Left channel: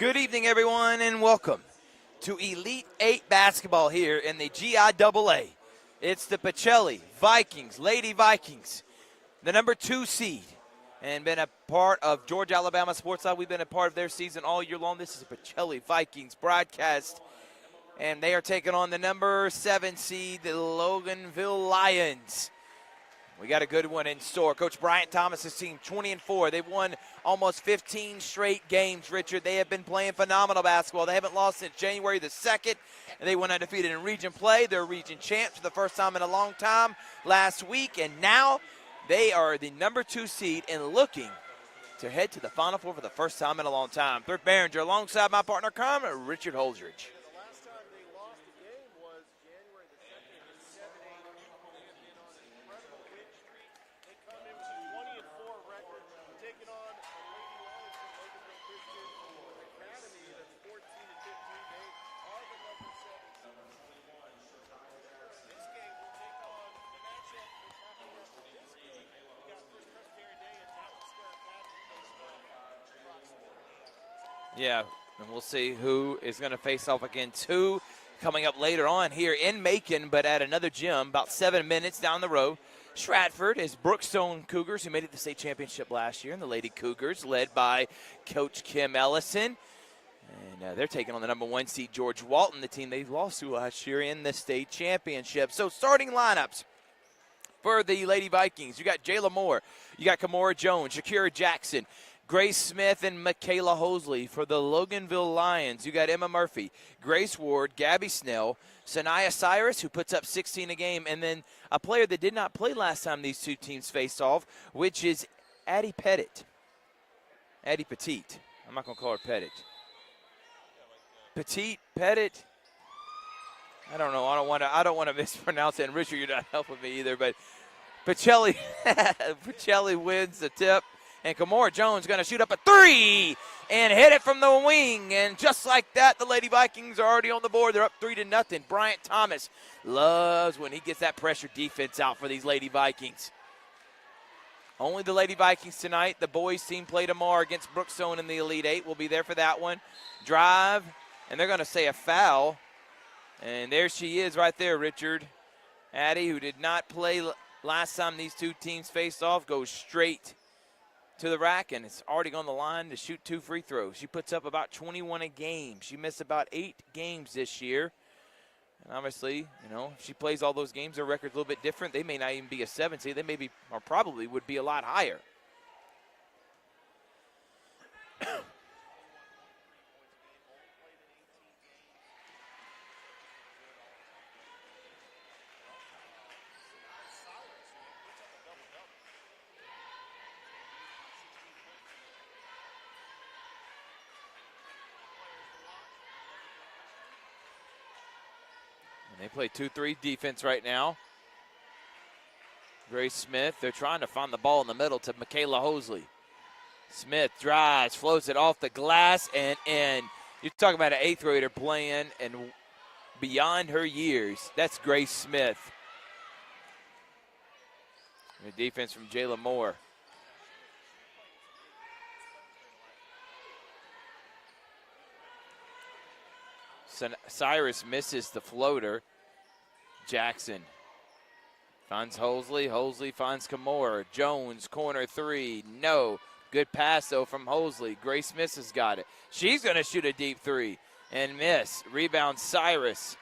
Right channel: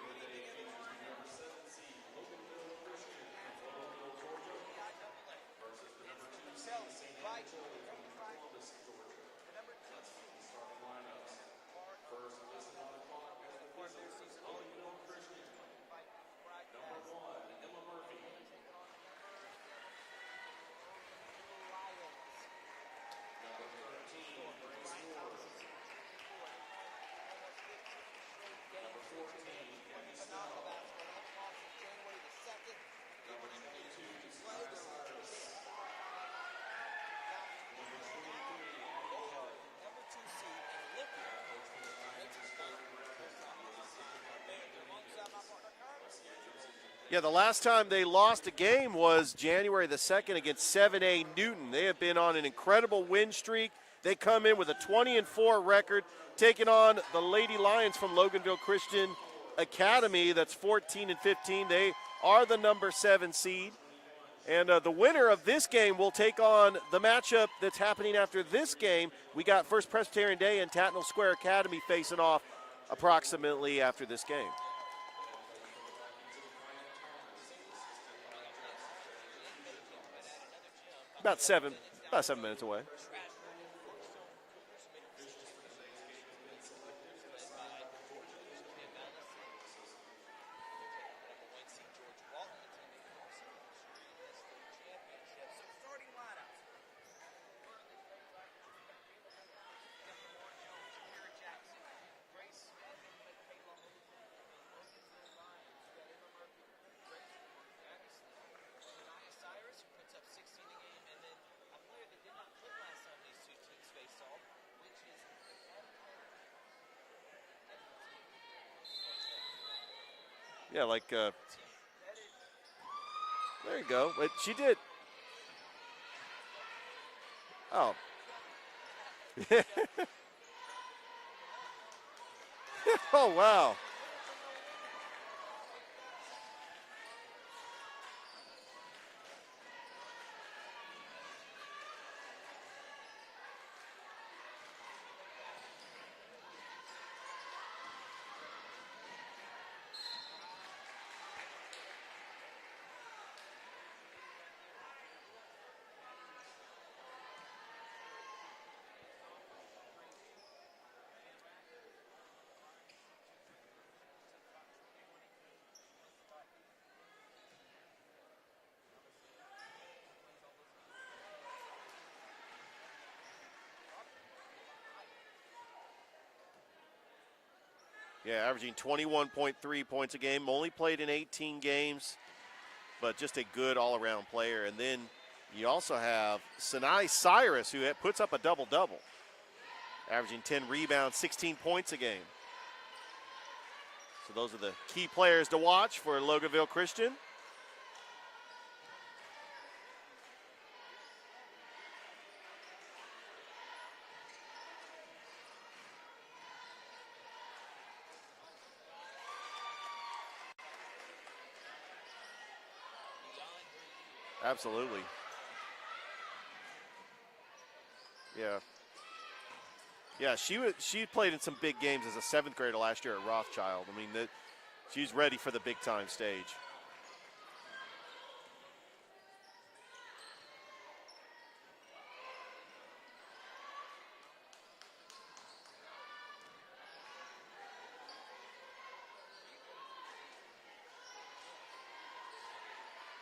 Good evening, everyone, and welcome to Elite 8 basketball here in the GIAA. It's the Pacelli Vikings, Lady Vikings, the number 2 seed, and been a part of Georgia Alabama Sports Live. We've been a part of their season all year long. This is the Pacelli Vikings broadcast, and they are taking on the number 7 seed, the Loganville Lions. We got a good one in store. Coach Bryant Thomas's team, 20-4. They've won almost 15 straight games, Richard. They have been playing phenomenal basketball. They haven't lost since January the 2nd. And they went undefeated in region play. They're region champs for the first time in a long time last week. And now they are the number 2 seed and looking to head to the Final Four for the first time in a long time. Bert Behringer alongside my partner, Richard Holdridge. Yeah, the last time they lost a game was January the 2nd against 7A Newton. They have been on an incredible win streak. They come in with a 20-4 record, taking on the Lady Lions from Loganville Christian Academy. That's 14-15. They are the number 7 seed. And the winner of this game will take on the matchup that's happening after this game. We got First Presbyterian Day and Tatnall Square Academy facing off approximately after this game. Yeah, and we'll see who is going to face off against who coming up later on here in Macon, but at another gym about 7 minutes down the road. Stratford is Brookstone Cougars, who made it to the state championship last year, and the Lady Cougars led by Coach Kim Ellison. They're taking on the number 1 seed, George Walton, the team they lost to last year in the state championship. So starting lineups for the Lady Vikings. You got Jayla Moore, you got Kamora Jones, Shakira Jackson, Grace Smith, and Michaela Hosley. For the Loganville Lions, you got Emma Murphy, Grace Ward, Gabby Snell, Sanaya Cyrus, who puts up 16 a game, and then a player that did not play last time these two teams faced off, which is Addie Pettit. Addie Petite. I'm not going to call her Pettit. Yeah, like Petite, Pettit. There you go. I don't know. I don't want to mispronounce it. And Richard, you're not helping me either. But Pacelli wins the tip, and Kamora Jones going to shoot up a 3 and hit it from the wing. And just like that, the Lady Vikings are already on the board. They're up 3-0. Bryant Thomas loves when he gets that pressure defense out for these Lady Vikings. Only the Lady Vikings tonight. The boys team play tomorrow against Brookstone in the Elite 8. We'll be there for that one. Drive, and they're going to say a foul. And there she is right there, Richard. Addie, who did not play last time these two teams faced off, goes straight to the rack, and it's already on the line to shoot 2 free throws. She puts up about 21 a game. She missed about 8 games this year. And obviously, if she plays all those games, their record's a little bit different. They may not even be a 7 seed. They may be, or probably would be a lot higher. Yeah, averaging 21.3 points a game. Only played in 18 games, but just a good all-around player. And then you also have Sanai Cyrus, who puts up a double-double, averaging 10 rebounds, 16 points a game. So those are the key players to watch for Loganville Christian. And they play 2-3 defense right now. Grace Smith, they're trying to find the ball in the middle to Michaela Hosley. Smith drives, floats it off the glass, and in. You're talking about an 8th grader playing and beyond her years. Absolutely. That's Grace Smith. Yeah. And defense from Jayla Moore. Yeah, she played in some big games as a 7th grader last year at Rothschild. I mean, she's ready for the big-time stage. Cyrus misses the floater. Jackson finds Hosley. Hosley finds Kamora. Jones, corner 3. No. Good pass, though, from Hosley. Grace Smith has got it. She's going to shoot a deep 3 and miss. Rebound, Cyrus.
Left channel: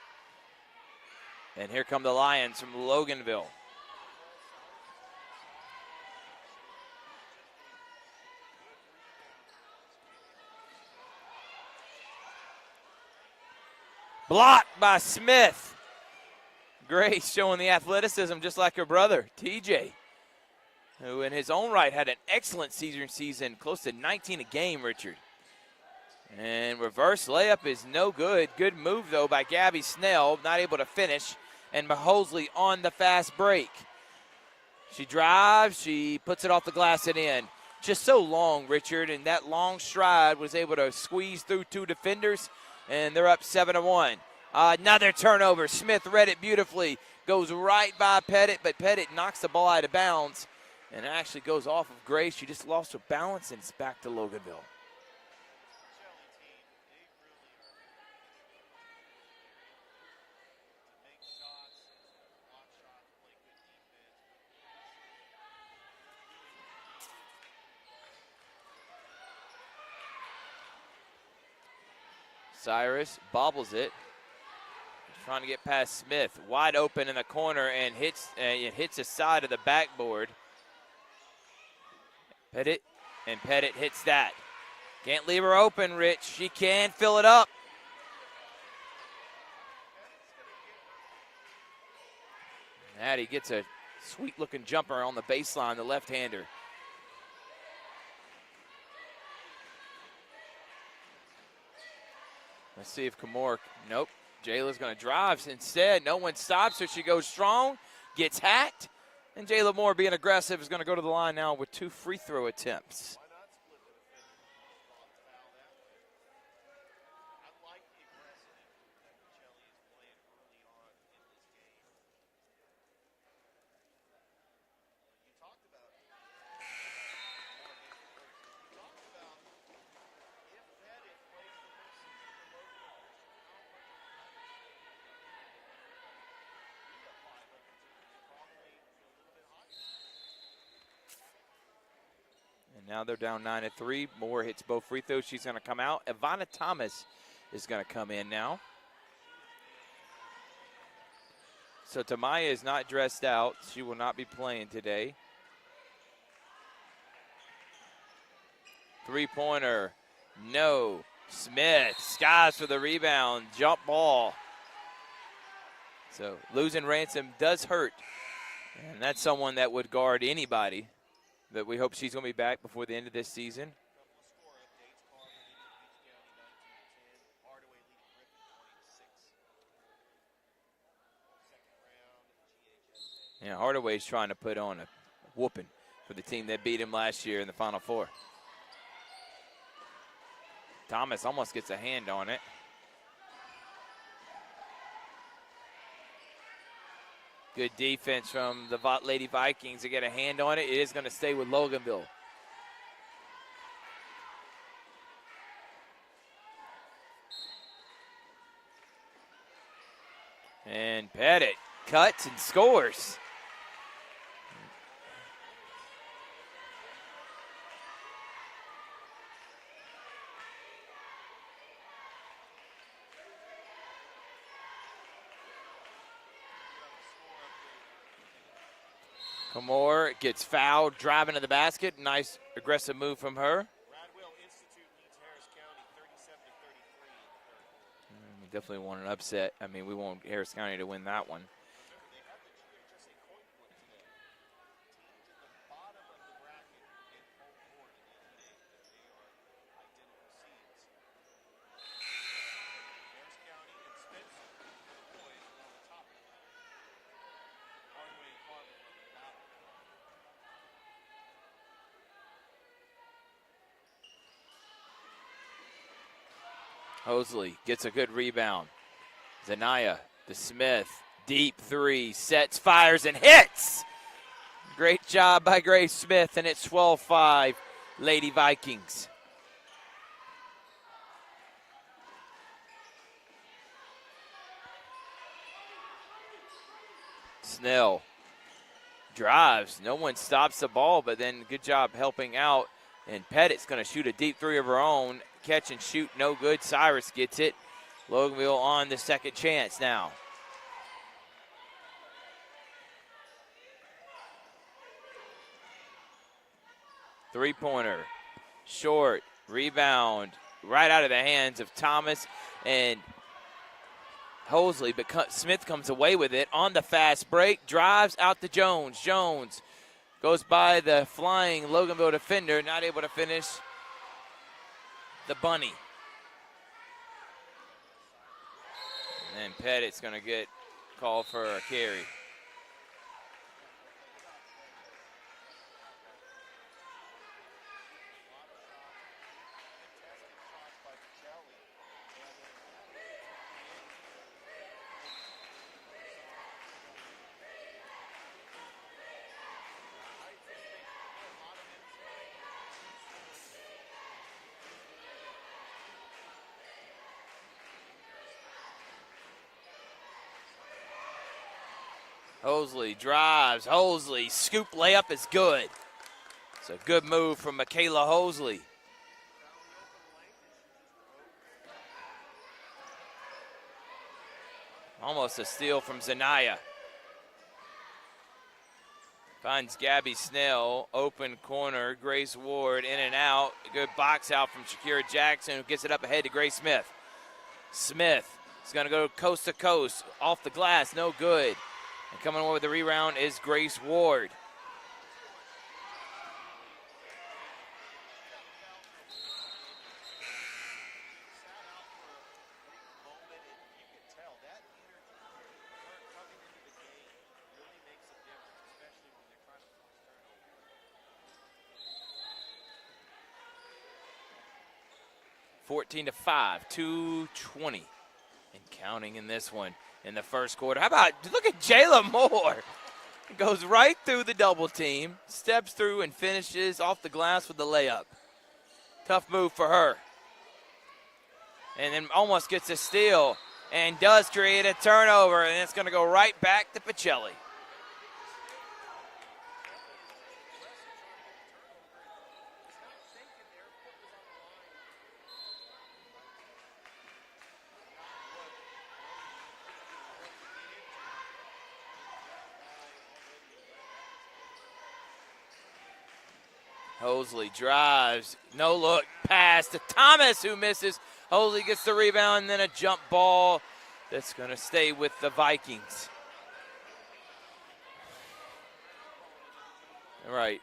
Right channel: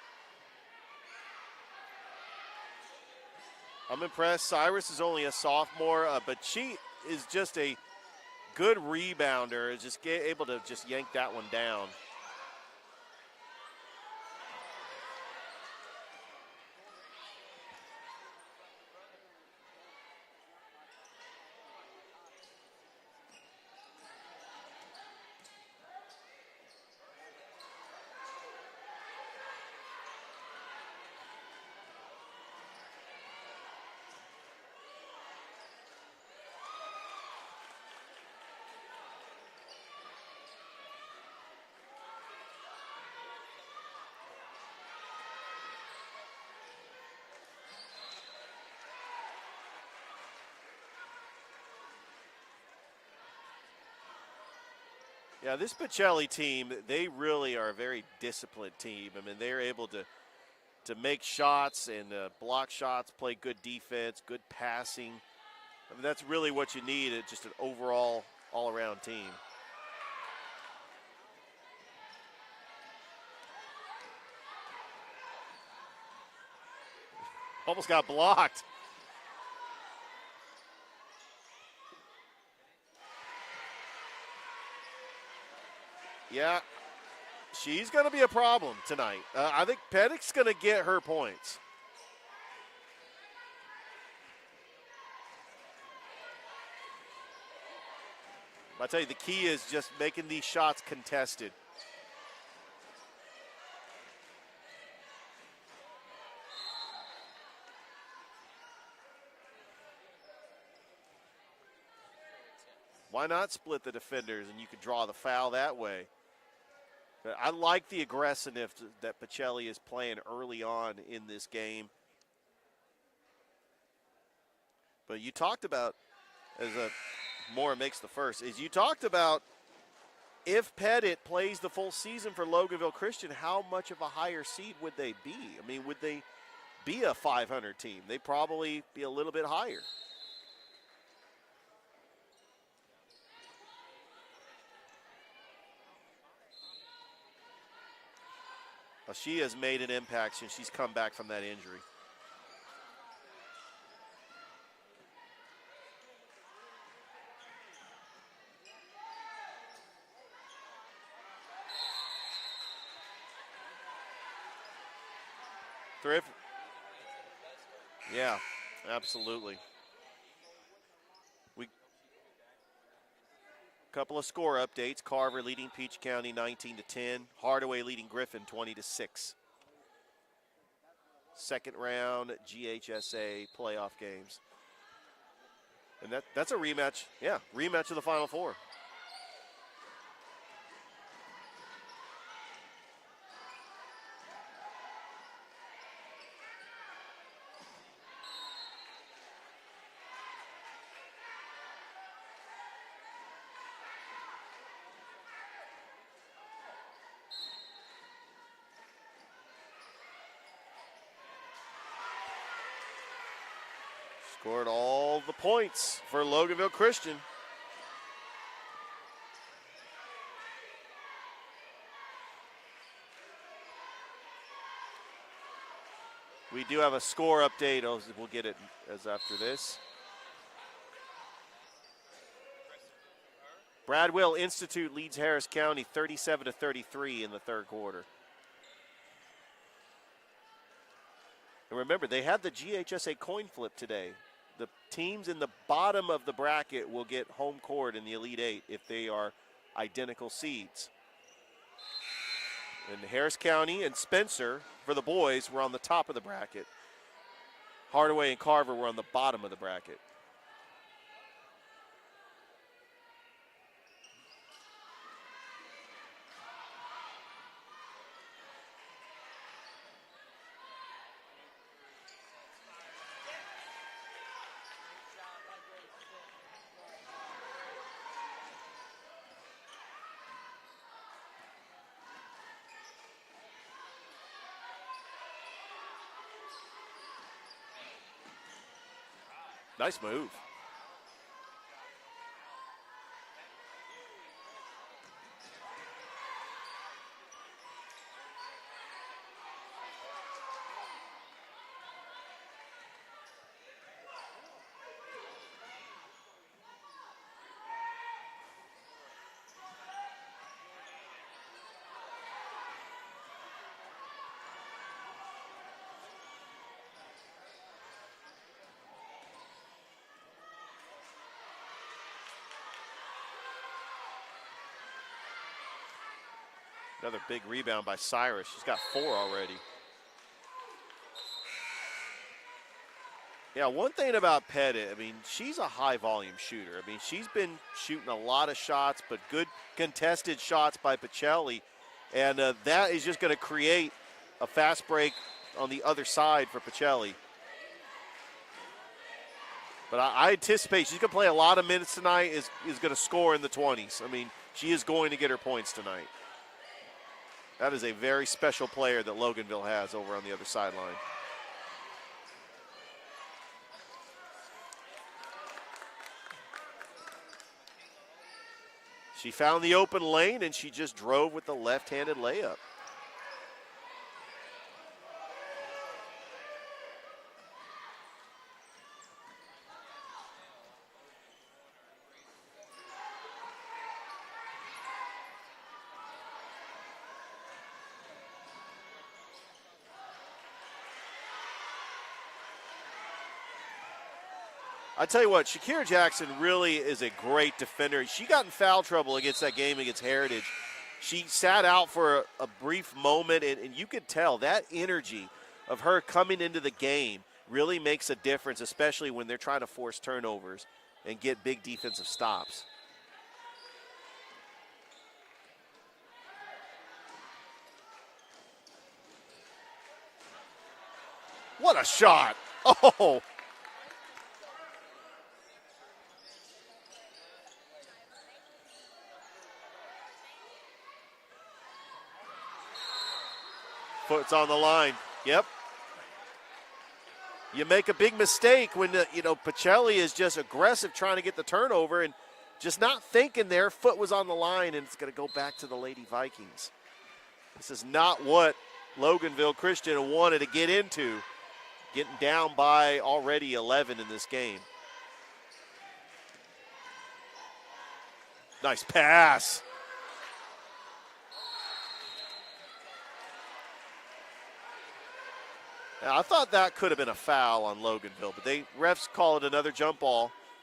And here come the Lions from Loganville. I'm impressed. Cyrus is only a sophomore, but she is just a good rebounder. Is just able to just yank that one down. Blocked by Smith. Grace showing the athleticism just like her brother, TJ, who in his own right had an excellent season, close to 19 a game, Richard. And reverse layup is no good. Good move, though, by Gabby Snell, not able to finish. And Hosley on the fast break. She drives, she puts it off the glass and in. Just so long, Richard, and that long stride was able to squeeze through 2 defenders, and they're up 7-1. Another turnover. Smith read it beautifully. Goes right by Pettit, but Pettit knocks the ball out of bounds. And it actually goes off of Grace. She just lost her balance, and it's back to Loganville. Yeah, this Pacelli team, they really are a very disciplined team. I mean, they're able to make shots and block shots, play good defense, good passing. I mean, that's really what you need, just an overall, all-around team. Cyrus bobbles it. Trying to get past Smith. Wide open in the corner. Almost and got hits, blocked. And it hits the side of the backboard. Pettit hits that. Can't leave her open, Rich. Yeah. She can fill it up. She's going to be a problem tonight. I think Pettitt's going to get her points. Maddie gets a sweet-looking jumper on the baseline, the left-hander. I tell you, the key is just making these shots contested. Let's see if Kamor, nope. Jayla's going to drive instead. No one stops her. She goes strong, gets hacked. And Jayla Moore, being aggressive, is going to go to the line now with 2 free throw attempts. Why not split the defenders and you could draw the foul that way? But I like the aggressiveness that Pacelli is playing early on in this game. But you talked about, as Moore makes the first, is you talked about if Pettit plays the full season for Loganville Christian, how much of a higher seed would they be? I mean, would they be a 500 team? They'd probably be a little bit higher. And now they're down 9-3. Moore hits both free throws. She's going to come out. Ivana Thomas is going to come in now. Well, she has made an impact since she's come back from that injury. So Tamaya is not dressed out. She will not be playing today. Three-pointer. No. Smith skies for the rebound. Jump ball. So losing Ransom does hurt. Yeah, and that's someone that would guard anybody. But we hope she's going to be back before the end of this season. Couple of score updates. Carver leading Peach County 19-10. Hardaway leading Griffin 20-6. Second round GHSA. Yeah, Hardaway's trying to put on a whooping. And the team that beat him last year in the Final Four. Rematch of the Final Four. Thomas almost gets a hand on it. Good defense from the Lady Vikings to get a hand on it. It is going to stay with Loganville. And Pettit cuts and scores. Scored all the points for Loganville Christian. We do have a score update. We'll get it as after this. Moore gets fouled, driving to the basket. Nice aggressive move from her. Bradwell Institute leads Harris County 37-33 in the third quarter. We definitely want an upset. I mean, we want Harris County to win that one. And remember, they had the GHSA coin flip today. The teams in the bottom of the bracket will get home court in the Elite Eight if they are identical seeds. And Harris County and Spencer, for the boys, were on the top of the bracket. Hardaway and Carver were on the bottom of the bracket. Hosley gets a good rebound. Zanaya to Smith. Deep three, sets, fires, and hits. Great job by Grace Smith, and it's 12-5, Lady Vikings. Snell drives. Nice no one move. stops the ball, but then good job helping out. And Pettit's going to shoot a deep three of her own. Catch and shoot, no good. Cyrus gets it. Loganville on the second chance now. Three-pointer, short, rebound, right out of the hands of Thomas and Hosley, but Smith comes away with it on the fast break, drives out to Jones. Jones goes by the flying Loganville defender, not able to finish the bunny. Another big rebound by Cyrus. She's got 4 already. And Pettit's going to get called for a carry. Yeah, one thing about Pettit, I mean, she's a high-volume shooter. I mean, she's been shooting a lot of shots, but good contested shots by Pacelli. And that is just going to create a fast break on the other side for Pacelli. But I anticipate she's going to play a lot of minutes tonight, is going to score in the 20s. I mean, she is going to get her points tonight. That is a very special player that Loganville has over on the other sideline. Hosley drives. Hosley, scoop layup is good. It's a good move from Michaela Hosley. She found the open lane, and she just drove with the left-handed layup. Almost a steal from Zanaya. Finds Gabby Snell, open corner. Grace Ward in and out. A good box out from Shakira Jackson, who gets it up ahead to Grace Smith. Smith is going to go coast to coast. Off the glass, no good. And coming over with the rebound is Grace Ward. I tell you what, Shakira Jackson really is a great defender. She got in foul trouble against that game against Heritage. She sat out for a brief moment, and you could tell that energy of her coming into the game really makes a difference, especially when they're trying to force turnovers and get big defensive stops. 14-5, 2:20 and counting in this one in the first quarter. How about, look at Jayla Moore. Oh. Goes right through the double team, steps through and finishes off the glass with the layup. Tough move for her. And then almost gets a steal and does create a turnover, yep. And it's going to go right back to Pacelli. You make a big mistake when, Pacelli is just aggressive trying to get the turnover and just not thinking their foot was on the line, and it's going to go back to the Lady Vikings. This is not what Loganville Christian wanted to get into, getting down by already 11 in this game. Hosley drives, no Nice look, pass to Thomas, who misses. Hosley gets the rebound, and then a jump ball that's going to stay with the Vikings. Now, I thought that could have been a foul on Loganville, but refs call it another jump ball. Right.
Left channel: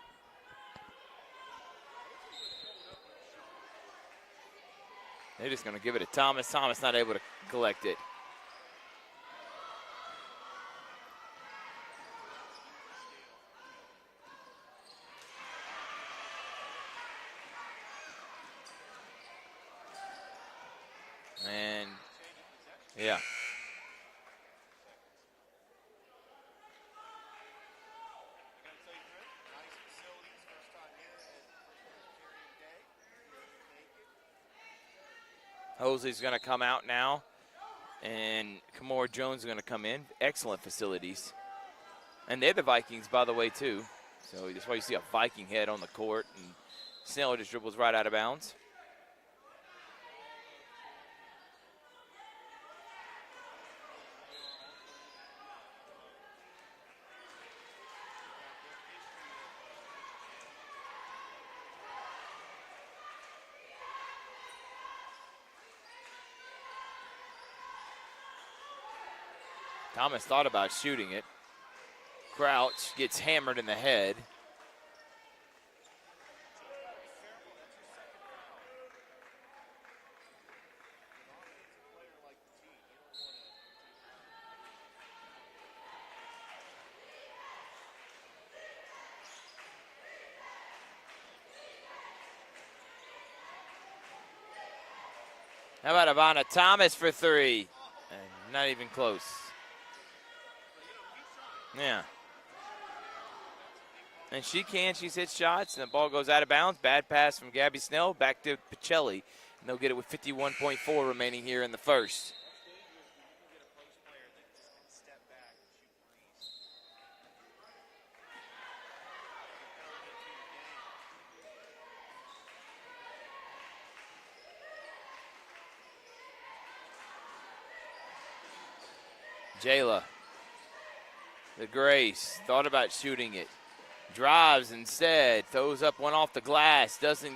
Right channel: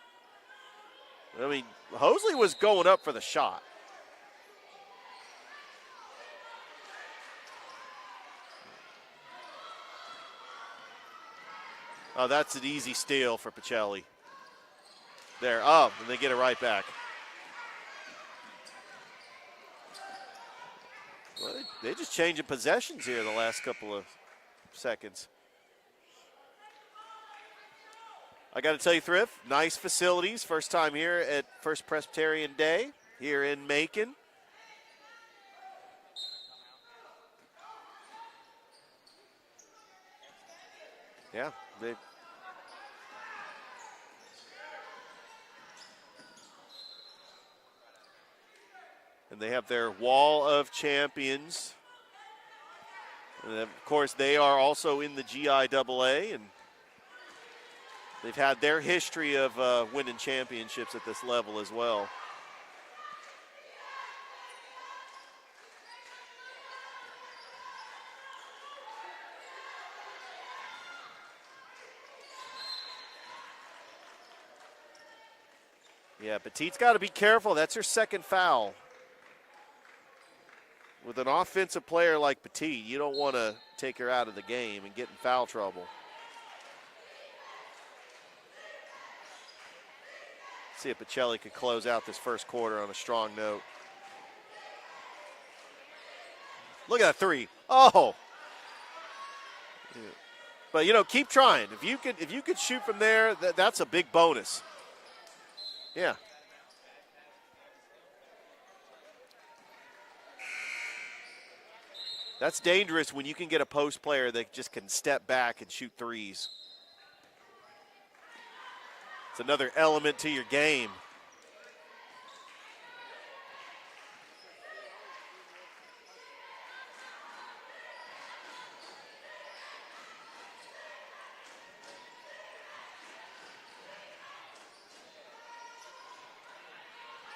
I mean, Hosley was going up for the shot. They're just going to give it to Thomas. Thomas not able to collect it. Oh, that's an easy steal for Pacelli. There, and they get it right back. And they just changing possessions here the last couple of seconds. I got to tell you, Thrift, nice facilities. First time here at First Presbyterian Day here in Macon. Hosley's going to come out now, and Kamora Jones is going to come in. Excellent facilities. Yeah. And they're the Vikings, by the way, too. So that's why you see a Viking head on the court, and Snell just dribbles right out of bounds. And they have their Wall of Champions. And of course, they are also in the GIAA, and they've had their history of winning championships at this level as well. Thomas thought about shooting it. Crouch gets hammered in the head. Yeah, Petite's got to be careful. That's her second foul. With an offensive player like Petite, you don't want to take her out of the game and get in foul trouble. See if Pacelli could close out this first quarter on a strong note. How about Ivana Thomas Look for at that three? Oh! And not even close. But, keep trying. If you could shoot from there, that's a big bonus. If she can, she's hit shots, and the ball Yeah. goes out of bounds. Bad pass from Gabby Snell, back to Pacelli. And they'll get it with 51.4 remaining here in the first. That's dangerous when you can get a post player that just can step back and shoot threes. It's another element to your game. Jayla. The Grace thought about shooting it. Drives instead, throws up one off the glass, doesn't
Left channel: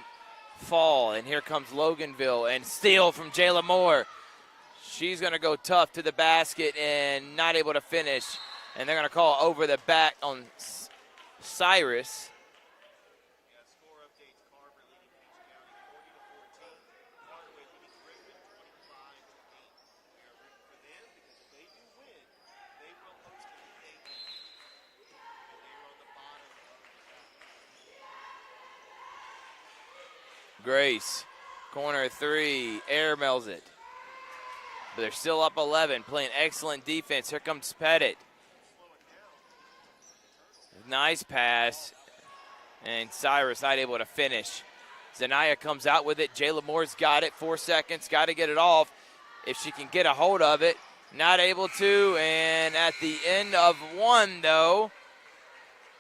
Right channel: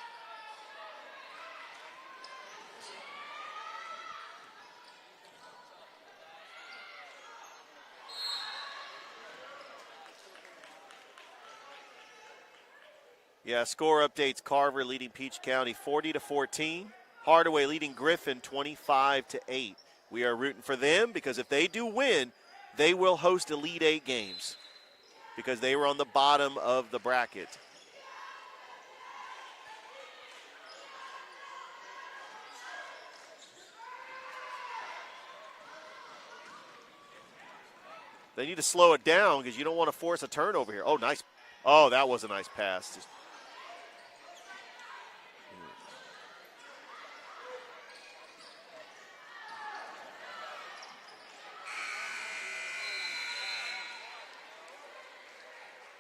fall, and here comes Loganville, and steal from Jayla Moore. She's going to go tough to the basket and not able to finish, and they're going to call over the back on Cyrus. Yeah, score updates: Carver leading Peach County 40-14. Hardaway leading Griffin 25-8. We are rooting for them because if they do win, they will host Elite Eight games because they were on the bottom of the bracket. Grace, corner three, air mails it. But they're still up 11, playing excellent defense. Here comes Pettit. They need to slow it down because you don't want to force a turnover here. Oh, nice pass. Oh, that was a nice pass. And Cyrus not able to finish. Zanaya comes out with it. Jayla Moore's got it. 4 seconds. Got to get it off if she can get a hold of it. Not able to. And at the end of one, though,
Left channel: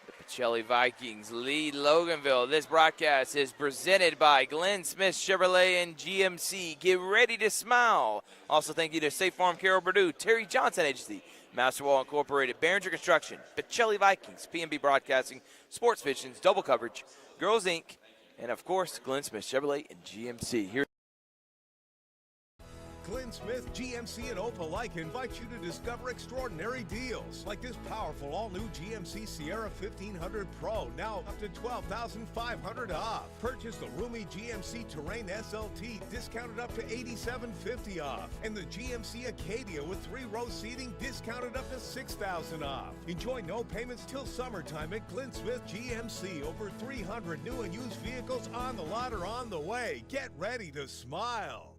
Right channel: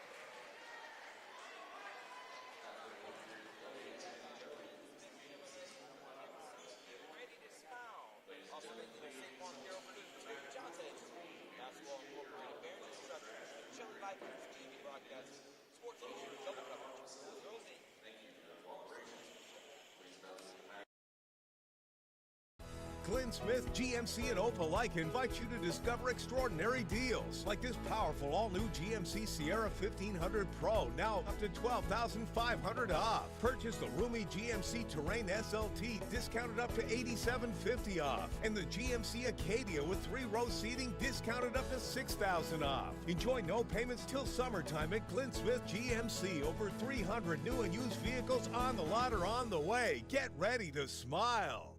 the Pacelli Vikings lead Loganville. This broadcast is presented by Glenn Smith Chevrolet and GMC. Get ready to smile. Also, thank you to State Farm, Carol Purdue, Terry Johnson Agency, Masterwall Incorporated, Behringer Construction, Pacelli Vikings, PNB Broadcasting, Sports Visions, Double Coverage, Girls Inc., and of course, Glenn Smith Chevrolet and GMC. Here. Glenn Smith, GMC, and Opelika invite you to discover extraordinary deals like this powerful all-new GMC Sierra 1500 Pro, now up to $12,500 off. Purchase the roomy GMC Terrain SLT, discounted up to $8,750 off. And the GMC Acadia with 3-row seating, discounted up to $6,000 off. Enjoy no payments till summertime at Glenn Smith GMC. Over 300 new and used vehicles on the lot or on the way. Get ready to smile.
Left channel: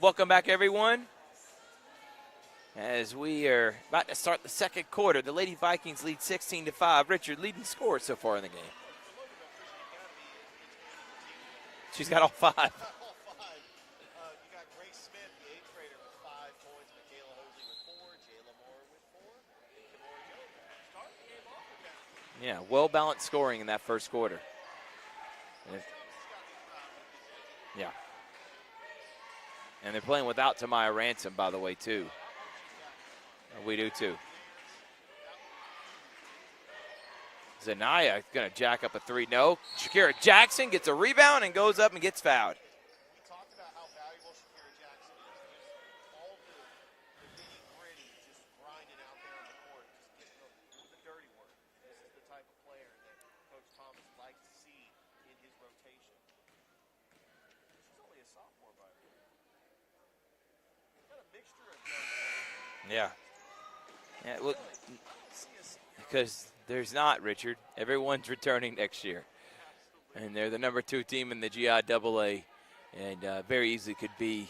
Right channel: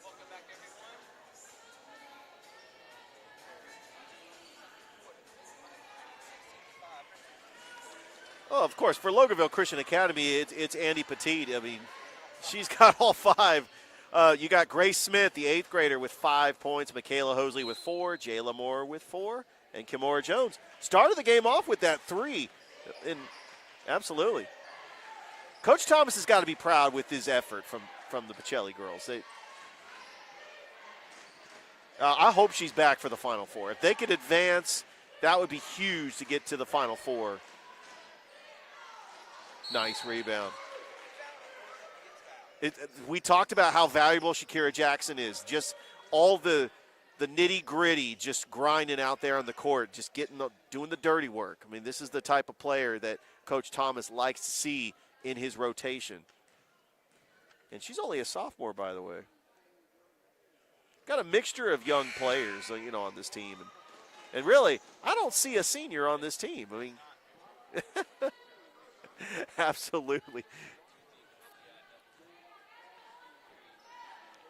Welcome back, everyone. As we are about to start the second quarter, the Lady Vikings lead 16-5. Richard, leading scorer so far in the game. Oh, of course. For Loganville Christian Academy, it's Andy Petit. I mean, she's got all 5. She's got all 5. You got Grace Smith, the 8th grader, with 5 points. Michaela Hosley with 4. Jayla Moore with 4. And Kimora Jones started the game off with that 3. Yeah, well-balanced scoring in that first absolutely. quarter. Coach Thomas has got to be proud with his effort from the Pacelli girls. And they're playing without Tamaya Ransom, by the way, too. I hope she's back for the Final Four. If they too. could advance, that would be huge to get to the Final Four. Zanaya going to jack up a 3. No. Nice Shakira rebound. Jackson gets a rebound and goes up and gets fouled. We talked about how valuable Shakira Jackson is. Just all the nitty-gritty, just grinding out there on the court, just doing the dirty work. I mean, this is the type of player that Coach Thomas likes to see in his rotation. And she's only a sophomore, by the way. Got a mixture of young players, on this team. And really, I don't see a senior on this team. There's not, Richard. Everyone's returning next year. Absolutely. And they're the number 2 team in the GIAA, and very easily could be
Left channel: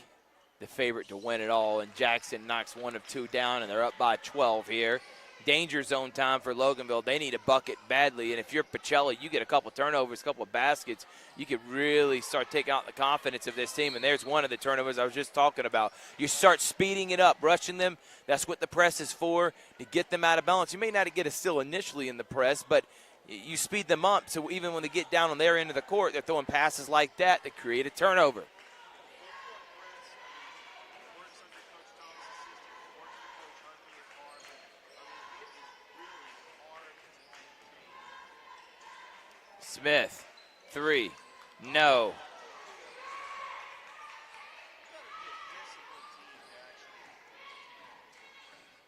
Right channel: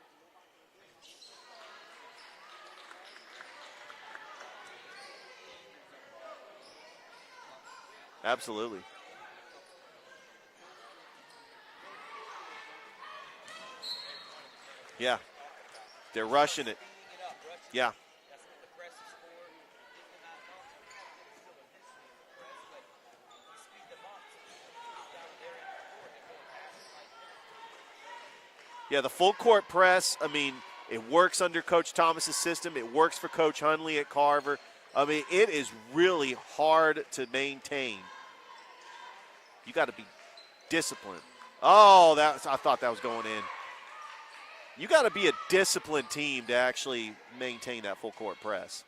the favorite to win it all. And Jackson knocks 1 of 2 down, and they're up by 12 here. Danger zone time for Loganville. They need a bucket badly. Absolutely. And if you're Pacelli, you get a couple turnovers, a couple of baskets, you could really start taking out the confidence of this team. And there's one of the turnovers I was just talking about. They're you start rushing speeding it up, rushing them. That's what the press is for, to get them out of balance. You may not get a steal initially in the press, but you speed them up. So even when they get down on their end of the court, they're throwing passes like that to create a turnover. Yeah, the full court press, I mean, it works under Coach Thomas's system. It works for Coach Hunley at Carver. I mean, it is really hard to maintain. You got Smith, discipline. 3. Oh, No. I thought that was going in. You got to be a disciplined team to actually maintain that full court press.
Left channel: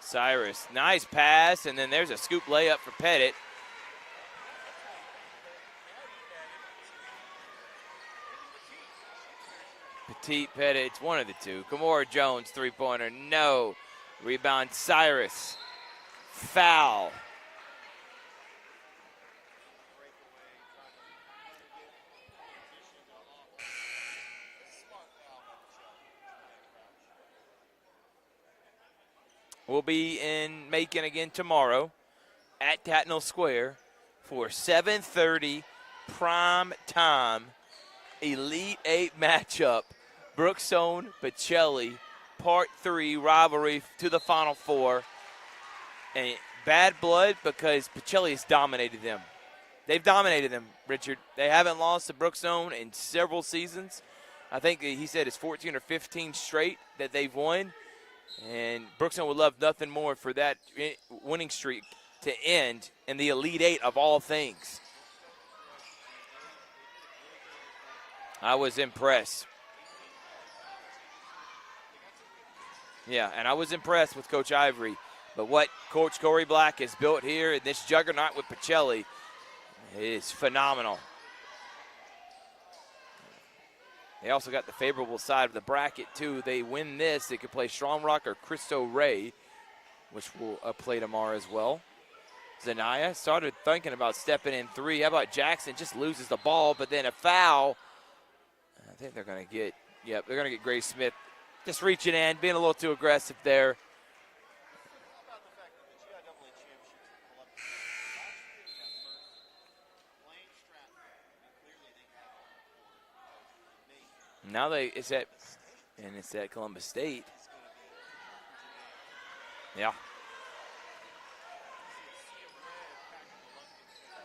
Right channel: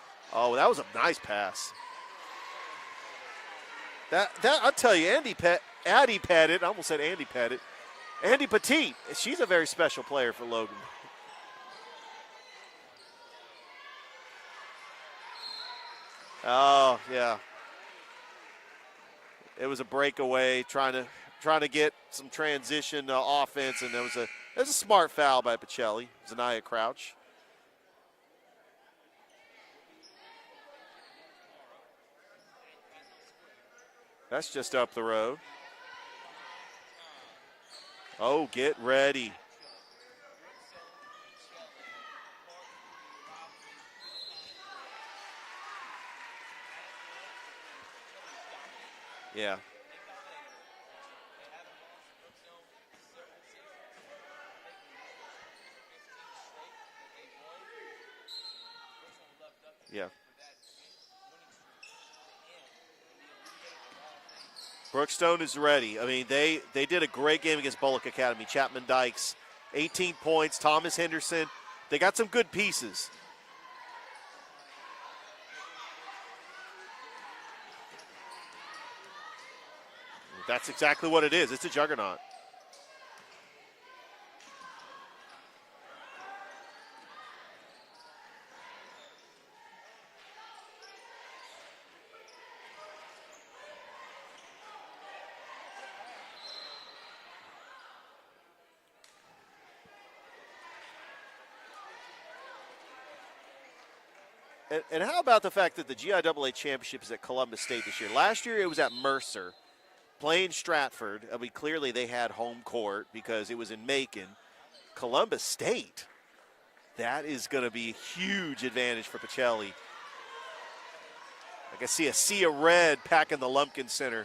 Cyrus, that was a nice nice pass, and then there's a scoop layup for Pettit. That I'll tell you, Addie Pettit, I almost said Andy Pettit. Andy Petit, she's a very special player Petit, for Logan. Pettit, it's one of the 2. Kimora Jones, 3-pointer, no. Rebound, Cyrus. Foul. Yeah. It was a breakaway, trying to get some transition offense, and there was a smart foul by Pacelli, Zanaya Crouch. We'll be in Macon again tomorrow at Tatnall Square for That's just up the road. 7:30 prime time Elite get ready. 8 matchup. Brookstone, Pacelli, Part 3 rivalry to the Final Four. And bad blood because Pacelli has dominated them. Yeah. They've dominated them, Richard. They haven't lost to Brookstone in several seasons. I think he said it's 14 or 15 straight that they've won. And Brookstone would love nothing more for that winning streak to end in the Elite 8 of all things. Brookstone is ready. I mean, they did a great game against Bullock Academy. I was impressed. 18 points, Thomas Henderson. They got some good pieces. Yeah, and I was impressed with Coach Ivory. But what Coach Corey Black has built here in this juggernaut with Pacelli is phenomenal. That's exactly what it is. It's a juggernaut. They also got the favorable side of the bracket, too. They win this, they could play Strong Rock or Cristo Rey, which will play tomorrow as well. Zanaya started thinking about stepping in 3. How about Jackson? Just loses the ball, but then a foul. I think they're going to get, they're going to get Grace Smith just reaching in, being a little too aggressive there. And how about the fact that the GIAA championship is at Columbus State this year? Last year it was at Mercer, playing Stratford. I mean, clearly they had home court because it was in Macon. Now Columbus State. And it's at Columbus State. That is going to be a huge advantage for Pacelli. Yeah. I can see a sea of red packing the Lumpkin Center.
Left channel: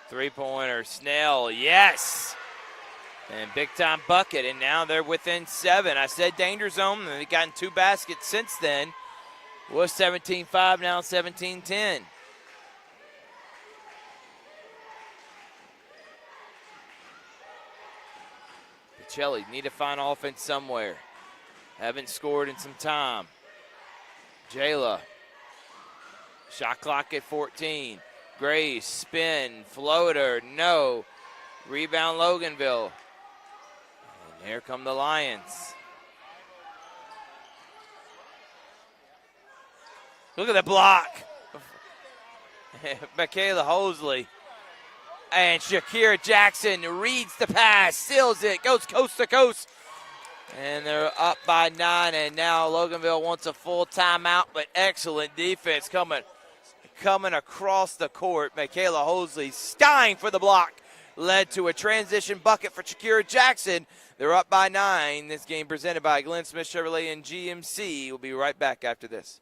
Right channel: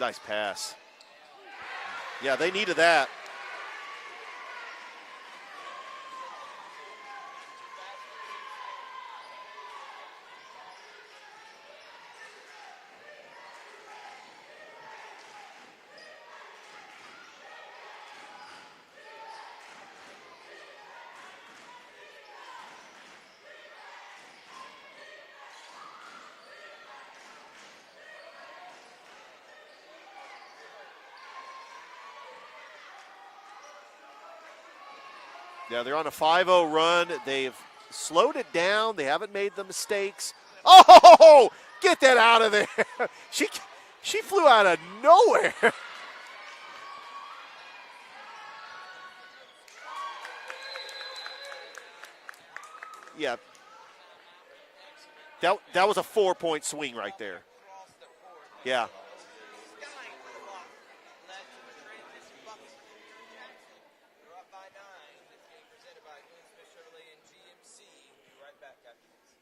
Nice three-pointer, Snell, yes. Yeah, they needed that. And big-time bucket, and now they're within 7. I said danger zone, and they've gotten 2 baskets since then. It was 17-5, now 17-10. Pacelli need to find offense somewhere. Haven't scored in some time. GIAA, shot clock at 14. Grace, spin, floater, no. Rebound Loganville. And here come the Lions. Yeah, they're on a 5-0 run. They've slowed it down. They haven't made the mistakes. Look at that block. Oh, get that out of there. Michaela Hosley. She flew out of nowhere. And Shakira Jackson reads the pass, steals it, goes coast to coast. And they're up by 9, and now Loganville wants a full timeout, but excellent defense. That was a 4-point swing right coming there. Across the court. Michaela Hosley stein for the block. Led to a transition bucket for Shakira Jackson. They're up by 9. This game presented by Glenn Smith Chevrolet and GMC. We'll be right back after this.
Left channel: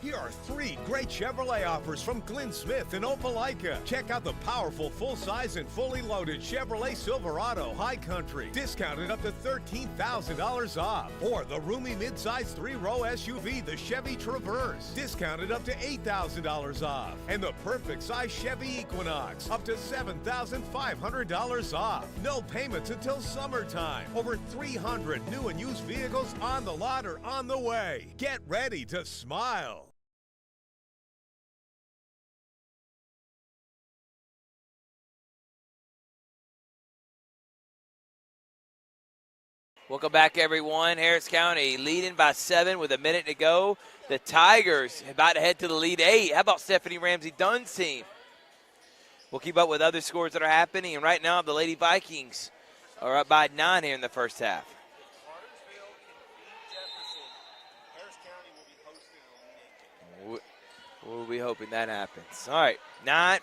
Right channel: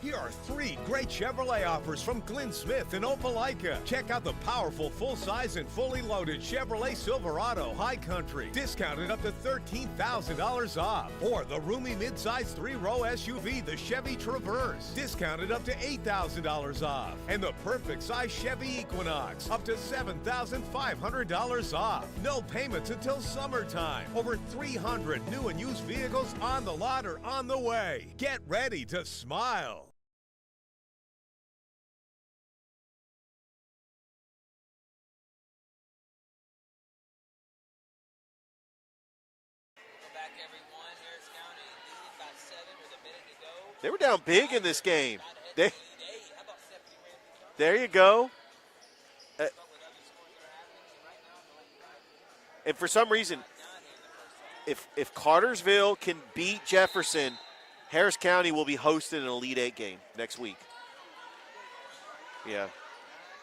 Here are 3 great Chevrolet offers from Glenn Smith in Opelika. Check out the powerful full-size and fully loaded Chevrolet Silverado High Country, discounted up to $13,000 off. Or the roomy midsize 3-row SUV, the Chevy Traverse, discounted up to $8,000 off. And the perfect size Chevy Equinox, up to $7,500 off. No payments until summertime. Over 300 new and used vehicles on the lot or on the way. Get ready to smile. Welcome back, everyone. Harris County leading by 7 with a minute to go. They were down the big Tigers in this game. About to head to the lead 8. How about Stephanie Ramsey-Dunn's There team? you go. We'll keep up with other scores that are happening. And right now, the Lady Vikings and for some are reason, up by 9 here in the first half. If Cartersville can beat Jefferson, Harris County will be hosting an Elite 8 game next week. We'll be hoping that happens. Yeah. All right,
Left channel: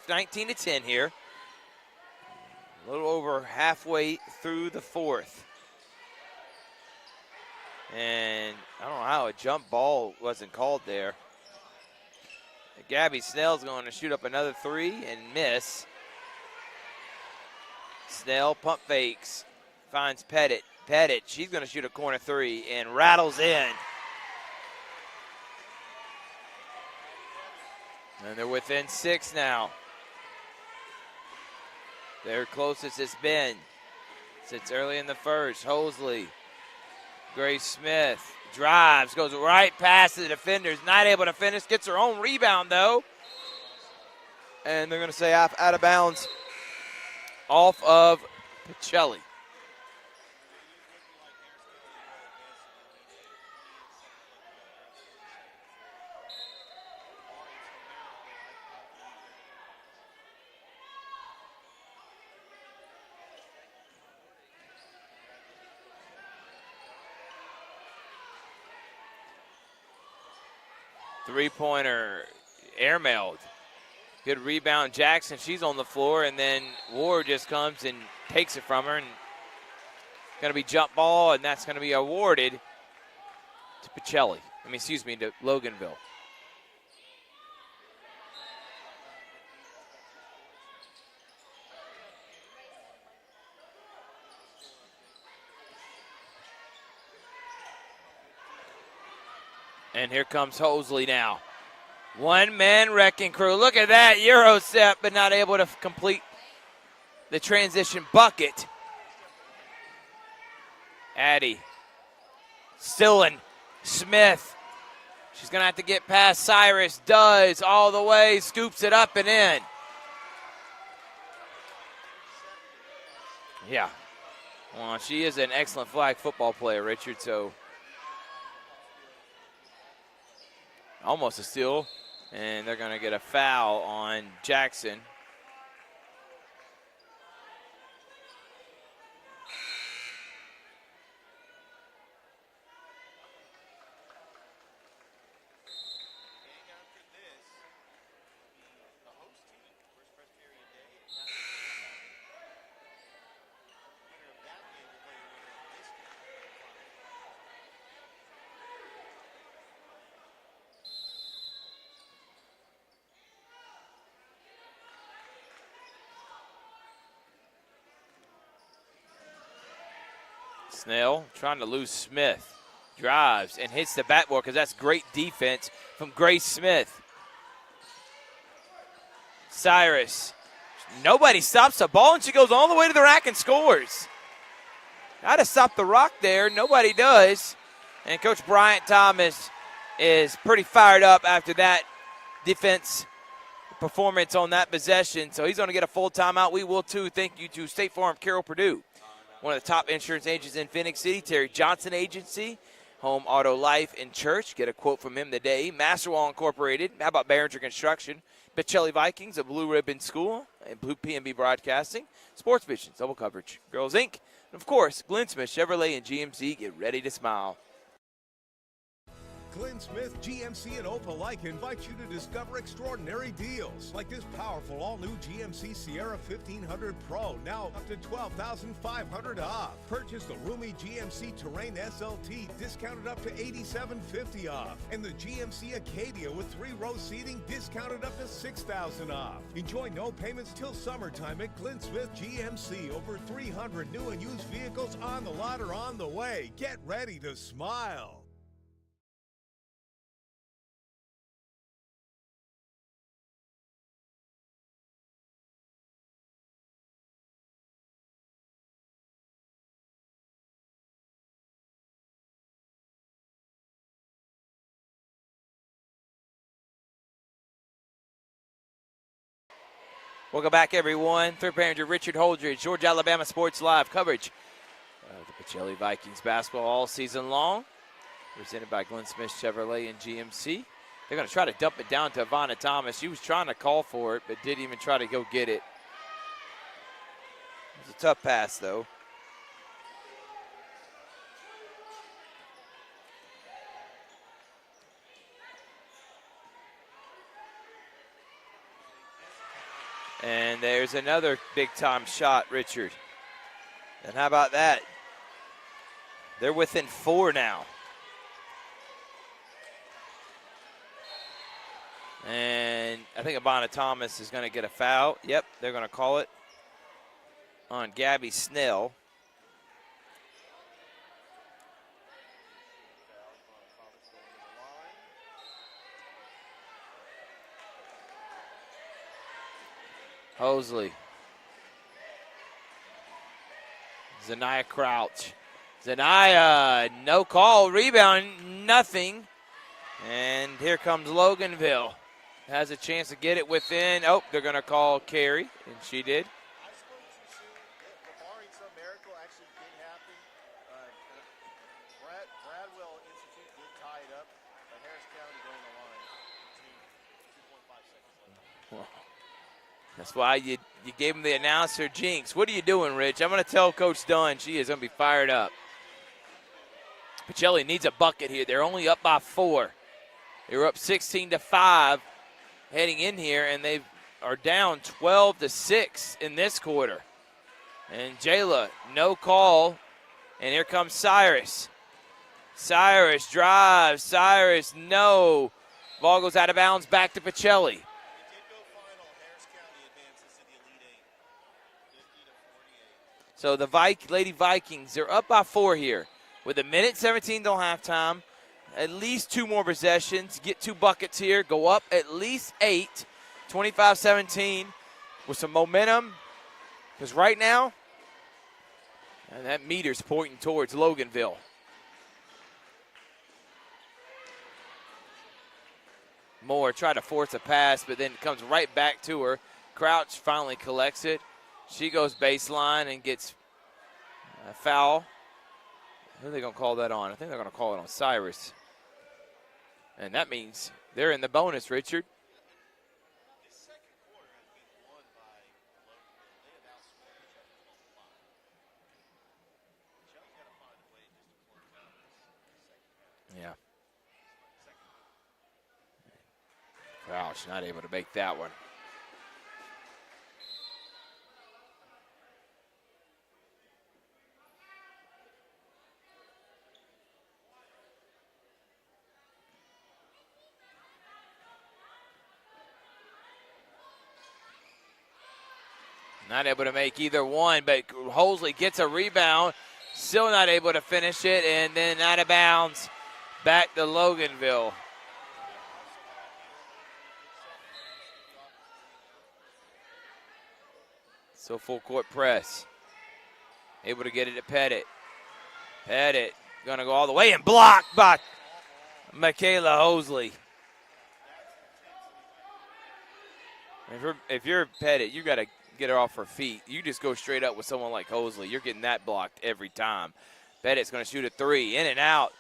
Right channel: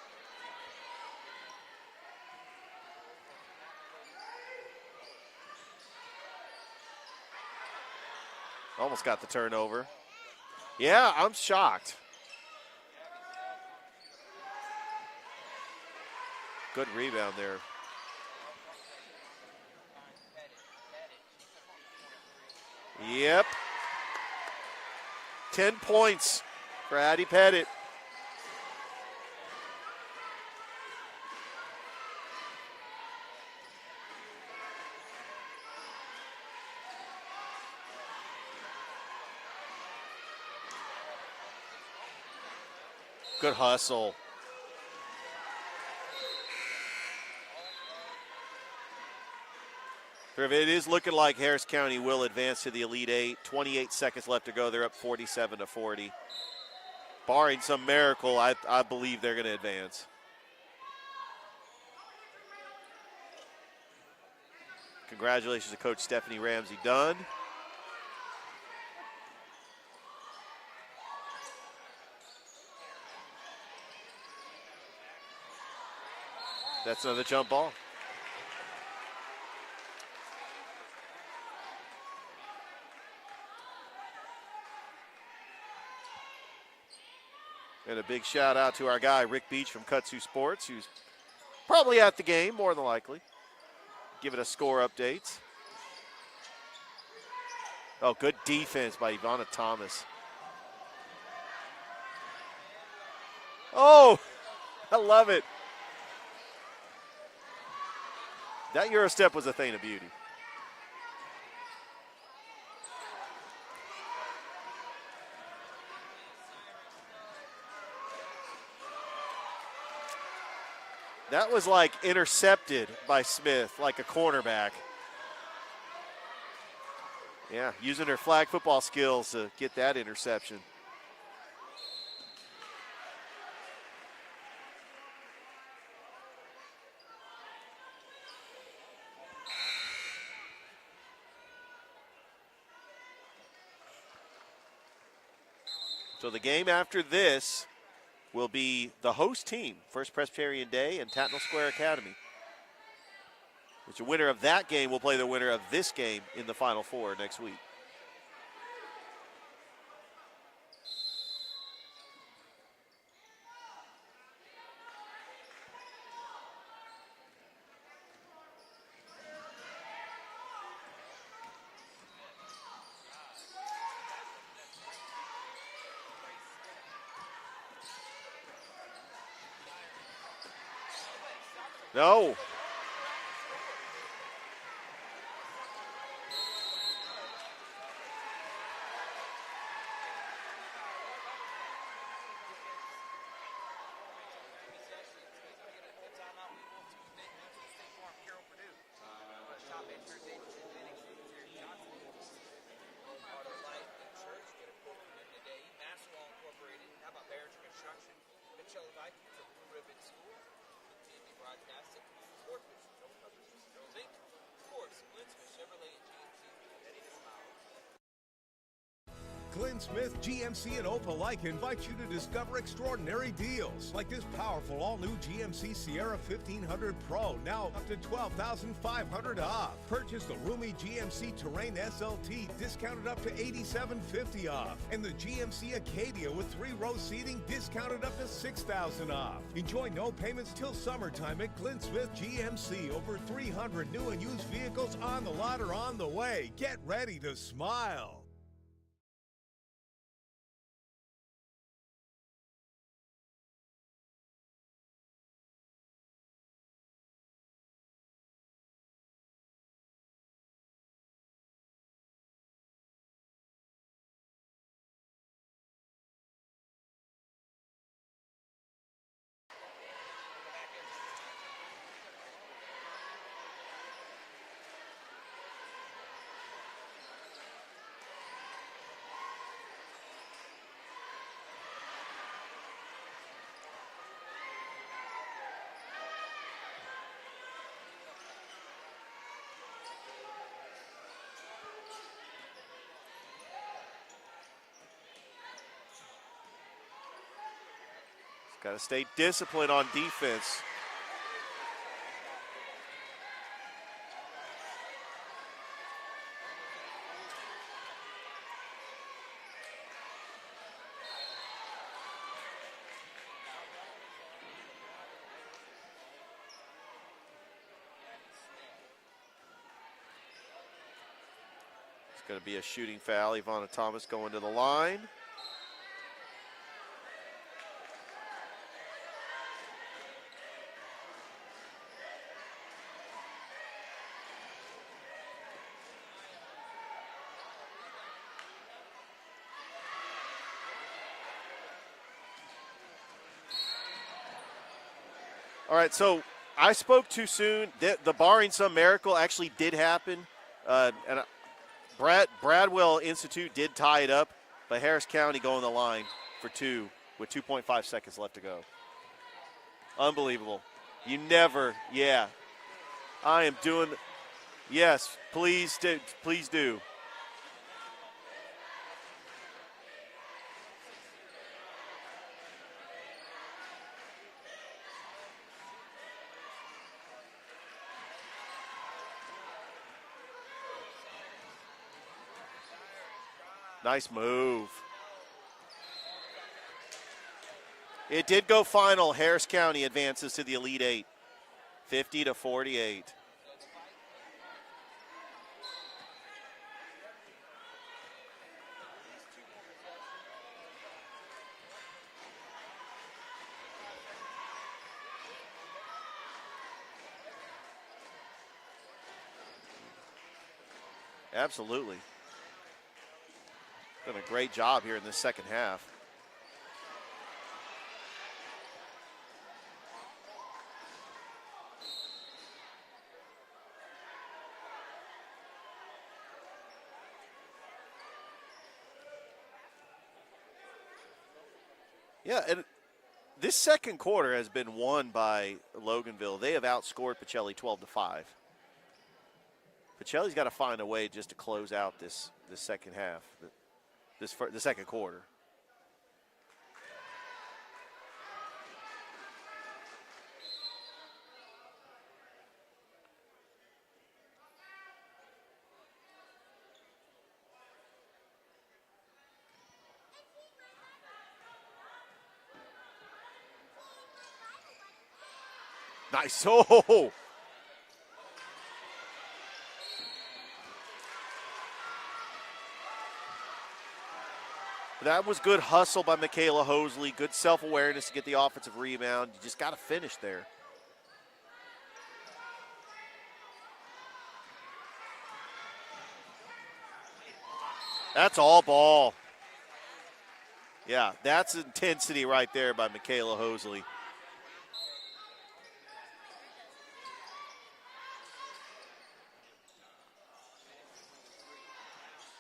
19-10 here. A little over halfway through the 4th. And almost got the a turnover. jump ball wasn't called Yeah, there. I'm shocked. Gabby Snell's going to shoot up another 3 and miss. Good rebound there. Snell pump fakes, finds Pettit. Pettit, she's going to shoot a corner 3 and rattles in. 10 points for Addie Pettit. And they're within 6 now. Their closest has been since early in the first. Hosley, Grace Smith drives, goes right past the defenders, not able to finish, gets her own rebound though. Good hustle. And they're going to say out of bounds off of Pacelli. It is looking like Harris County will advance to the Elite 8. 28 seconds left to go. They're up 47-40. Barring some miracle, I believe they're going to advance. Congratulations to Coach Stephanie Ramsey-Dunn. Three-pointer airmailed. Good rebound, Jackson. She's on the floor, and then Ward just comes and takes it from her. And going to be jump ball, and that's going to be awarded to Pacelli. To Loganville. And a big shout out to our guy, Rick Beach from Kutsu Sports, who's probably at the game, more than likely. Giving us score updates. Oh, good defense by Ivana Thomas. And here comes Hosley now. One-man wrecking crew. Look at that Euro step, but not able to complete the transition bucket. That Euro step was a thing of beauty. Addie, Stillen, Smith. She's going to have to get past Cyrus. Does all the way, scoops it up and in. That was like intercepted by Smith, like a cornerback. Well, she is an excellent flag football player, Richard. So yeah, using her flag football skills to get that interception. Almost a steal, and they're going to get a foul on Jackson. So the game after this will be the host team, First Presbyterian Day and Tatnall Square Academy. Which the winner of that game will play the winner of this game in the Final Four next week. Snell trying to lose Smith. Drives and hits the backboard because that's great defense from Grace Smith. Cyrus. Nobody stops the ball. No. She goes all the way to the rack and scores. Got to stop the rock there. Nobody does. And Coach Bryant Thomas is pretty fired up after that defense performance on that possession. So he's going to get a full timeout. We will too. Thank you to State Farm Carroll Purdue, one of the top insurance agents in Phoenix City. Terry Johnson Agency, Home Auto Life and Church. Get a quote from him today. Masterwall Incorporated. How about Behringer Construction? Pacelli Vikings, a Blue Ribbon School, and Blue PNB Broadcasting. Sports Vision, double coverage. Girls Inc. And of course, Glenn Smith Chevrolet and GMC. Get ready to smile. Glenn Smith, GMC, and Opelika invite you to discover extraordinary deals like this powerful all-new GMC Sierra 1500 Pro, now up to $12,500 off. Purchase the roomy GMC Terrain SLT, discounted up to $8,750 off. And the GMC Acadia with 3-row seating, discounted up to $6,000 off. Enjoy no payments till summertime at Glenn Smith GMC. Over 300 new and used vehicles on the lot or on the way. Get ready to smile. Welcome back, everyone. Third manager Richard Holdridge, Georgia Alabama Sports Live coverage of the Pacelli Vikings basketball all season long. Presented by Glenn Smith Chevrolet and GMC. They're going to try to dump it down to Ivana Thomas. She was trying to call for it, but didn't even try to go get it. It was a tough pass, though. Got to stay disciplined on defense. And there's another big-time shot, Richard. And how about that? They're within 4 now. And I think Ivana Thomas is going to get a foul. Yep, they're going to call it on Gabby Snell. It's going to be a shooting foul. Ivana Thomas going to the line. Hosley. Zanaya Crouch. Zanaya, no call, rebound, nothing. And here comes Loganville. Has a chance to get it within. Oh, they're going to call carry. All right, so did. I spoke too soon. The barring some miracle actually did happen. And Bradwell Institute did tie it up, but Harris County going the line for 2 with 2.5 seconds left to go. That's why you gave him the announcer jinx. What are you doing, Rich? I'm going to tell Coach Dunn she is going to be fired up. Please do. Pacelli needs a bucket here. They're only up by 4. They were up 16-5 heading in here, and they are down 12-6 in this quarter. And Jayla, no call. And here comes Cyrus. Cyrus drives. Nice Cyrus, move. no. Ball goes out of bounds, back to Pacelli. It did go final. Harris County advances to the Elite 8, 50-48. So the Lady Vikings, they're up by 4 here. With 1:17 till halftime, at least 2 more possessions, get 2 buckets here, go up at least 8, 25-17 with some momentum. Because right now, and that meter's pointing towards Loganville. Absolutely. Done a great job here in this second half. Moore tried to force a pass, but then comes right back to her. Crouch finally collects it. She goes baseline and gets a foul. Who are they going to call that on? I think they're going to call it on Cyrus. And that means they're in the bonus, Richard. Yeah, and this second quarter has been won by Loganville. They have outscored Pacelli 12-5. Pacelli's got to find a way just to close out this second half. Yeah. The second quarter. Crouch not able to make that one. Nice. Not able to make either one, but Hosley gets a rebound, still not able to finish it, and then out of bounds, back to Loganville. That was good hustle by Michaela Hosley, good self-awareness to get the offensive rebound. You just got to finish there. So full court press. Able to get it to Pettit. Pettit gonna go all the way and blocked by That's all ball. Michaela Hosley. Yeah, that's intensity right there by Michaela Hosley. If you're Pettit, you got to get her off her feet. You just go straight up with someone like Hosley. You're getting that blocked every time. Pettit's going to shoot a three, in and out.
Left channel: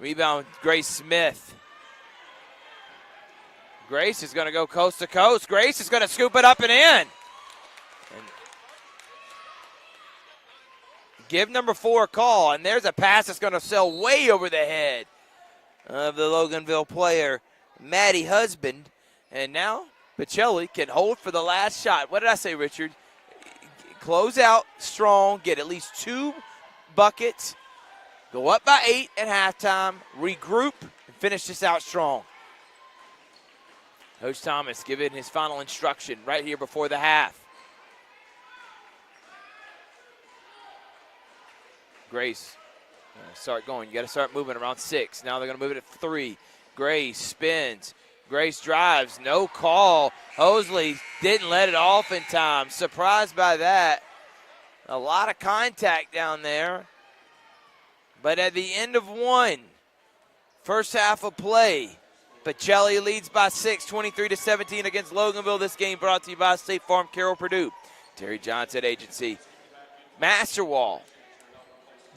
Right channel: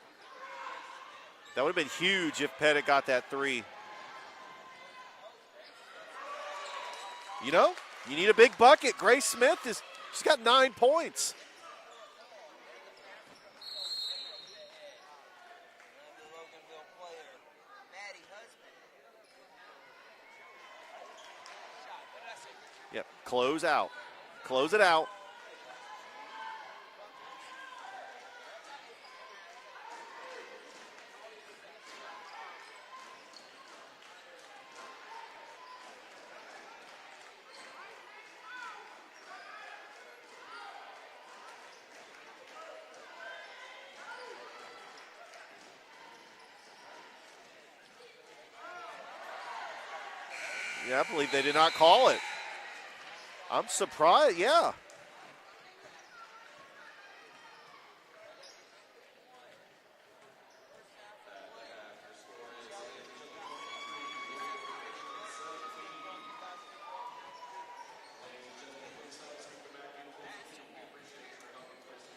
Rebound, Grace Smith. That would have been huge if Pettit got that three. Grace is going to go coast to coast. Grace is going to scoop it up and in. You know, you need a big bucket. Grace Smith she's got 9 points. Give number 4 a call, and there's a pass that's going to sail way over the head of the Loganville player, Maddie Husband. And now Pacelli can hold for the last shot. What did I say, Richard? Yep. Close out. Close out Close it out strong, get at least 2 buckets, go up by 8 at halftime, regroup, and finish this out strong. Coach Thomas giving his final instruction right here before the half. Grace, start going. You got to start moving around 6. Now they're going to move it at 3. Grace spins. Grace drives, no call. Hosley didn't let it off in time. Surprised by that. Surprised, yeah. A lot of contact down there. But at the end of 1, first half of play, Pacelli leads by 6, 23-17 against Loganville. This game brought to you by State Farm, Carroll Purdue, Terry Johnson Agency, Masterwall,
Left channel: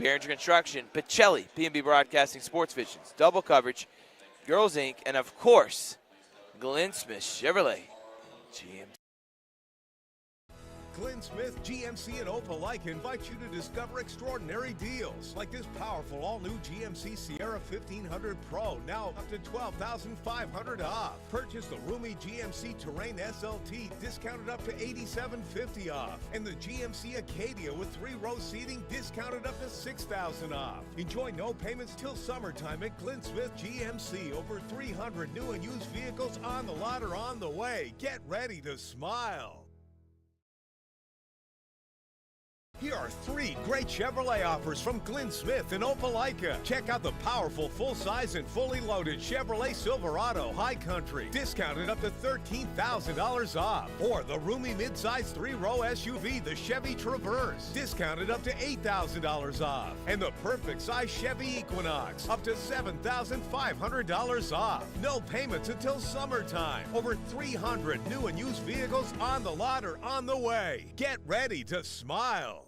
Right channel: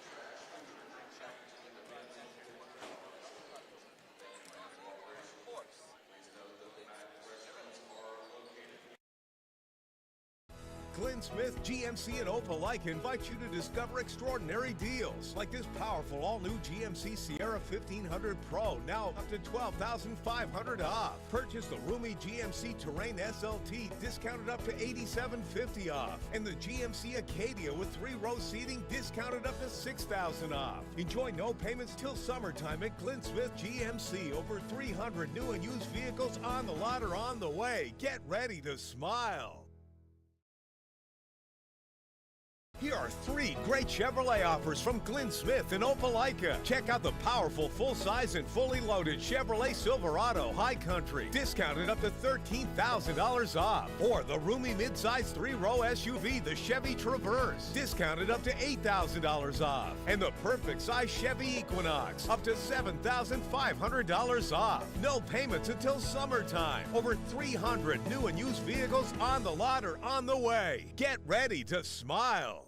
Behringer Construction, Pacelli, P&B Broadcasting, Sports Visions, Double Coverage, Girls Inc., and of course, Glenn Smith Chevrolet GMC. Glenn Smith, GMC, and Opelika invite you to discover extraordinary deals like this powerful all-new GMC Sierra 1500 Pro, now up to $12,500 off. Purchase the roomy GMC Terrain SLT, discounted up to $8,750 off. And the GMC Acadia with 3-row seating, discounted up to $6,000 off. Enjoy no payments till summertime at Glenn Smith GMC. Over 300 new and used vehicles on the lot or on the way. Get ready to smile. Here are 3 great Chevrolet offers from Glenn Smith and Opelika. Check out the powerful full-size and fully loaded Chevrolet Silverado High Country, discounted up to $13,000 off. Or the roomy midsize 3-row SUV, the Chevy Traverse, discounted up to $8,000 off. And the perfect size Chevy Equinox, up to $7,500 off. No payments until summertime. Over 300 new and used vehicles on the lot or on the way. Get ready to smile.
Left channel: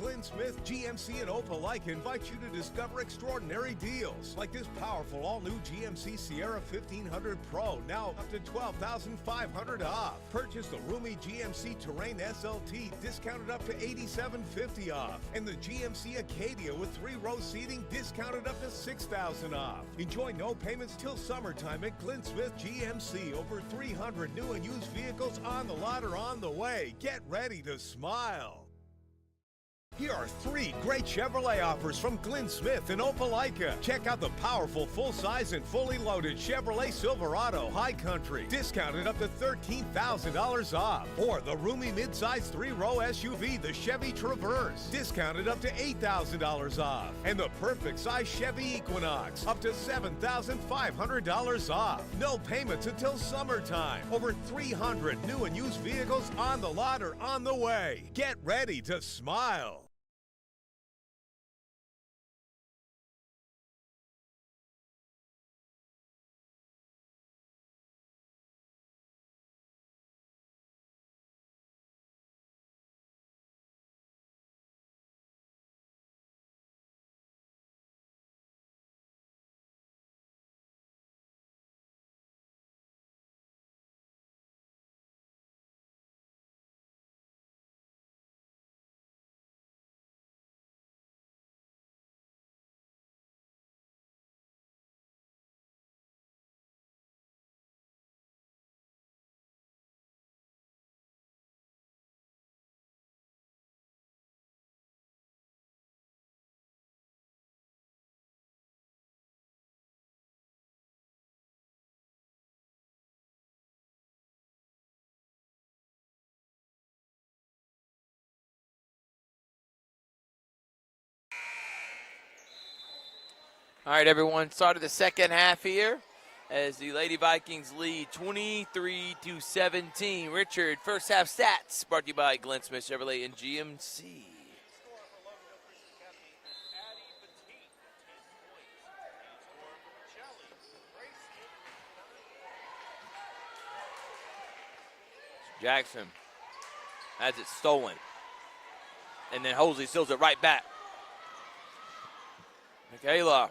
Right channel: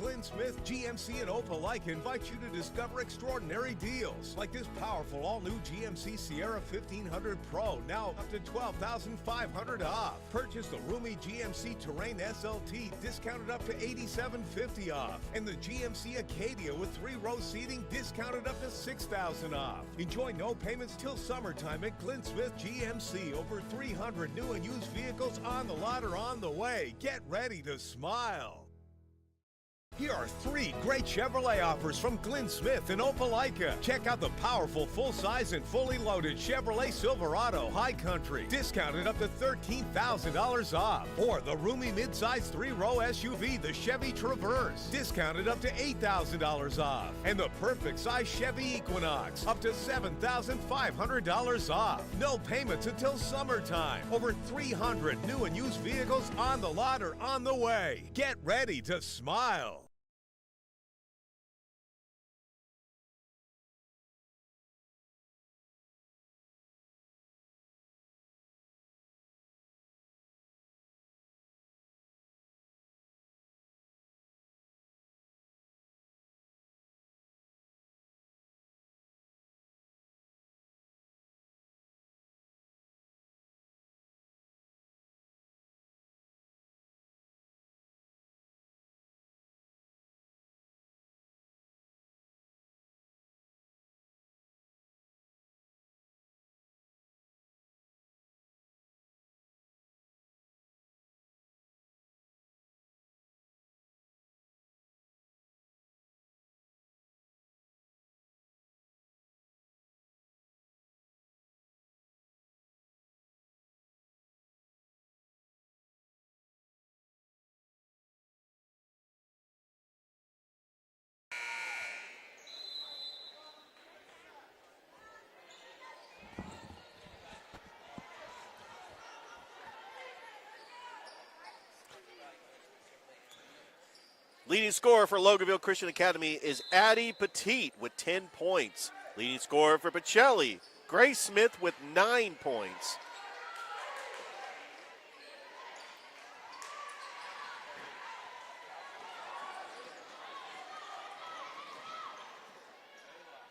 Glenn Smith, GMC, and Opelika invite you to discover extraordinary deals like this powerful all-new GMC Sierra 1500 Pro, now up to $12,500 off. Purchase the roomy GMC Terrain SLT, discounted up to $8,750 off. And the GMC Acadia with 3-row seating, discounted up to $6,000 off. Enjoy no payments till summertime at Glenn Smith GMC. Over 300 new and used vehicles on the lot or on the way. Get ready to smile. Here are 3 great Chevrolet offers from Glenn Smith and Opelika. Check out the powerful full-size and fully loaded Chevrolet Silverado High Country, discounted up to $13,000 off. Or the roomy midsize 3-row SUV, the Chevy Traverse, discounted up to $8,000 off. And the perfect size Chevy Equinox, up to $7,500 off. No payments until summertime. Over 300 new and used vehicles on the lot or on the way. Get ready to smile. All right, everyone, start of the second half here as the Lady Vikings lead 23-17. Richard, first half stats brought to you by Glenn Smith Chevrolet and GMC. Leading scorer for Loganville Christian Academy is Addie Petit with 10 points. Leading scorer for Pacelli, Grace Smith with 9 points. Jackson has it stolen. And then Hosley steals it right back. Michaela.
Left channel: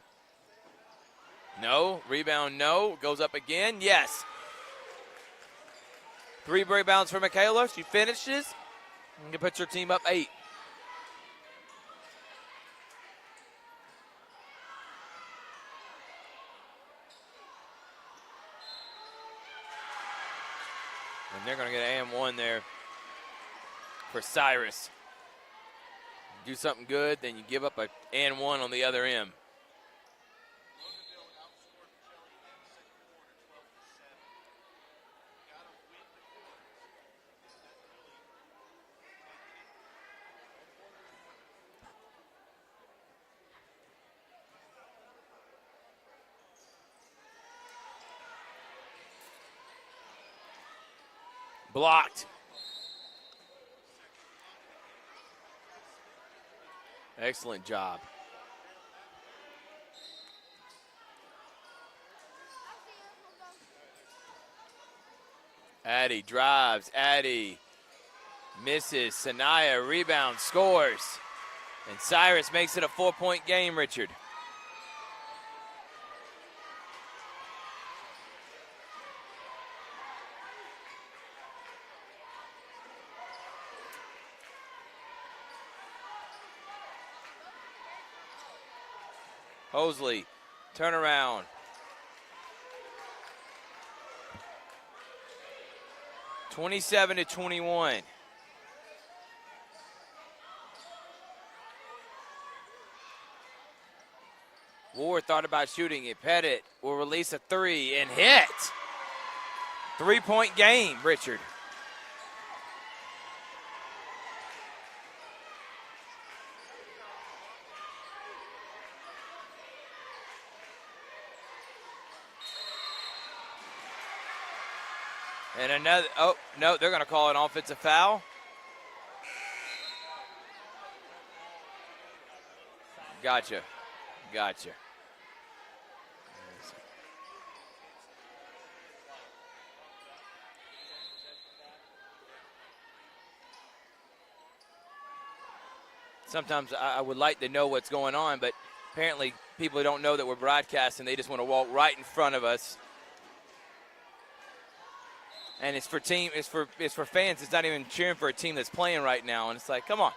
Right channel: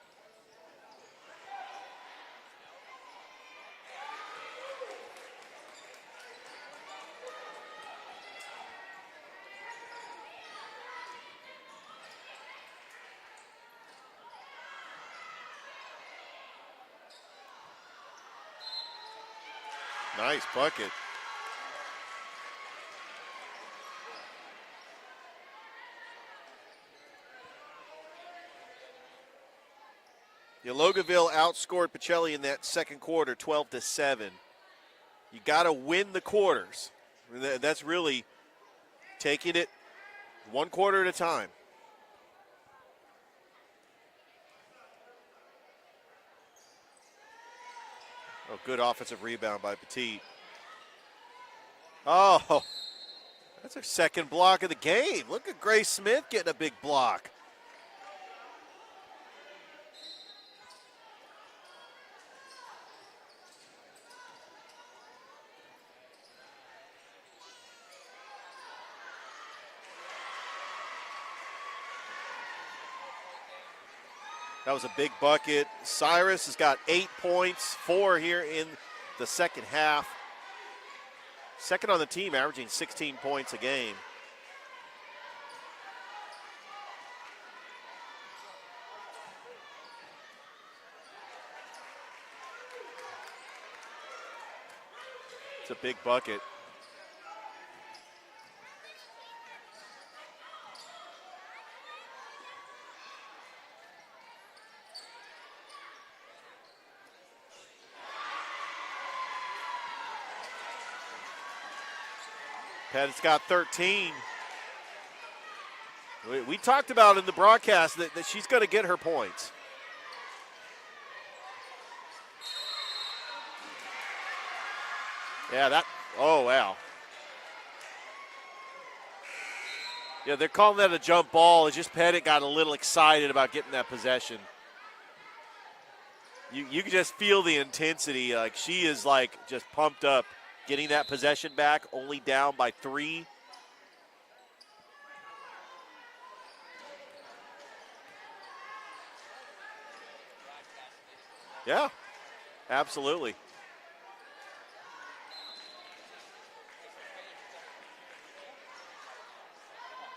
No. Rebound, no. Goes up again. Yes. 3 rebounds for Michaela. She finishes. And puts her team up 8. Nice bucket. And they're going to get an and 1 there for Cyrus. Do something good, then you give up a and 1 on the other end. Yeah, Loganville outscored Pacelli in that second quarter 12-7. You got to win the quarters. That's really taking it 1 quarter at a time. Oh, good offensive rebound by Petit. Blocked. Oh, that's her second block of the game. Look at Grace Smith getting a big block. Excellent job. Addie drives. Addie misses. Sanaya rebound, scores. And Cyrus makes it a 4-point game, Richard. That was a big bucket. Cyrus has got 8 points, 4 here in the second half. Second on the team, averaging 16 points a game. Hosley, turnaround. It's a big bucket. 27-21. Ward thought about shooting it. Pettit will release a 3 and hit. 3-point game, Richard. Pettit's got 13. We talked about in the broadcast that she's going to get her points. Yeah, wow. No, they're going to call an offensive foul. Yeah, they're calling that a jump ball. It's just Pettit got a little excited about getting that possession. Gotcha. You can just feel the intensity. Like, she is, like, just pumped up. Getting that possession back, only down by 3. sometimes I would like to know what's going on, but apparently people don't know that we're broadcasting. They just want to walk right in front of us. Absolutely. And it's for fans. It's not even cheering for a team that's playing right now. And it's like, come on,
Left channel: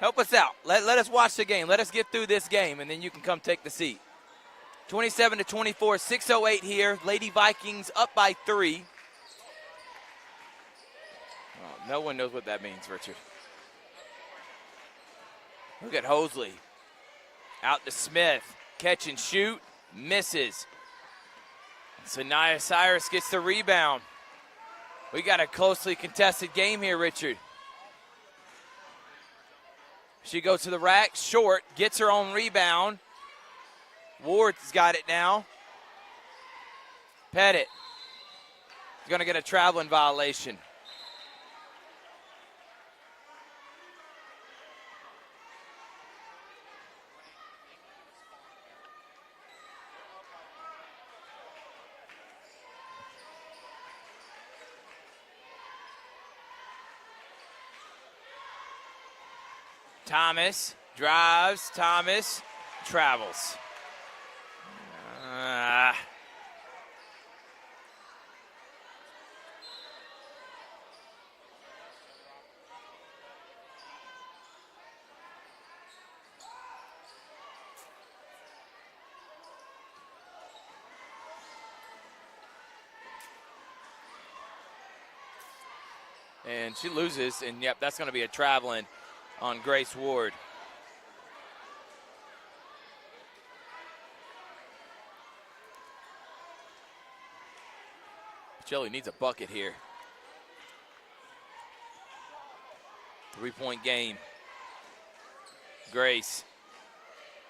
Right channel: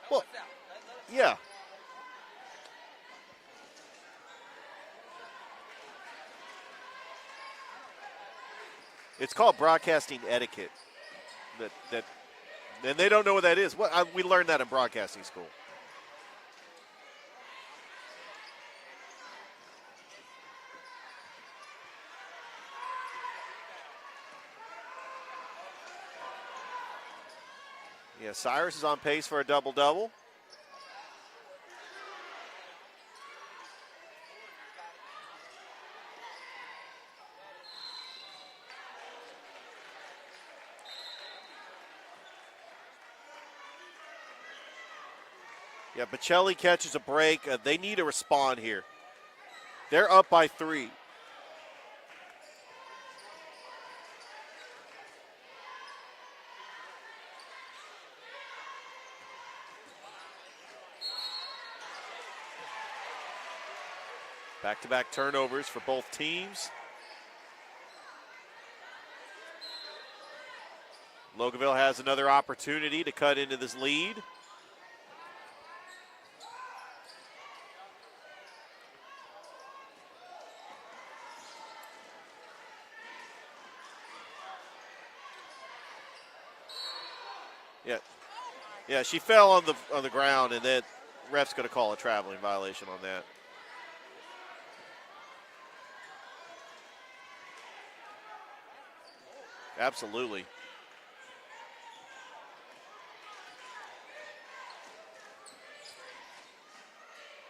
help us out. Let us watch the game. Let us get through this game, and then you can come take the seat. 27-24, 6:08 here. Lady Vikings up by 3. It's called broadcasting etiquette. No one knows what that means. And they don't know what that is. We learned that in broadcasting school. Look at Hosley. Out to Smith. Catch and shoot. Misses. Sanaya Cyrus gets the rebound. We got a closely contested game here, Richard. Yeah, Cyrus is on pace for a double-double. She goes to the rack, short, gets her own rebound. Ward's got it now. Pettit going to get a traveling violation. Yeah, Pacelli catches a break. They need to respond here. They're up by 3. Thomas drives, Thomas travels. Back-to-back turnovers for both teams. Loganville has another opportunity to cut into this lead. And she loses, and that's going to be a traveling. Yeah, she fell on the Ward. ground, and then ref's going to call a traveling violation on that. Pacelli needs a bucket here. Absolutely. 3-point game. Grace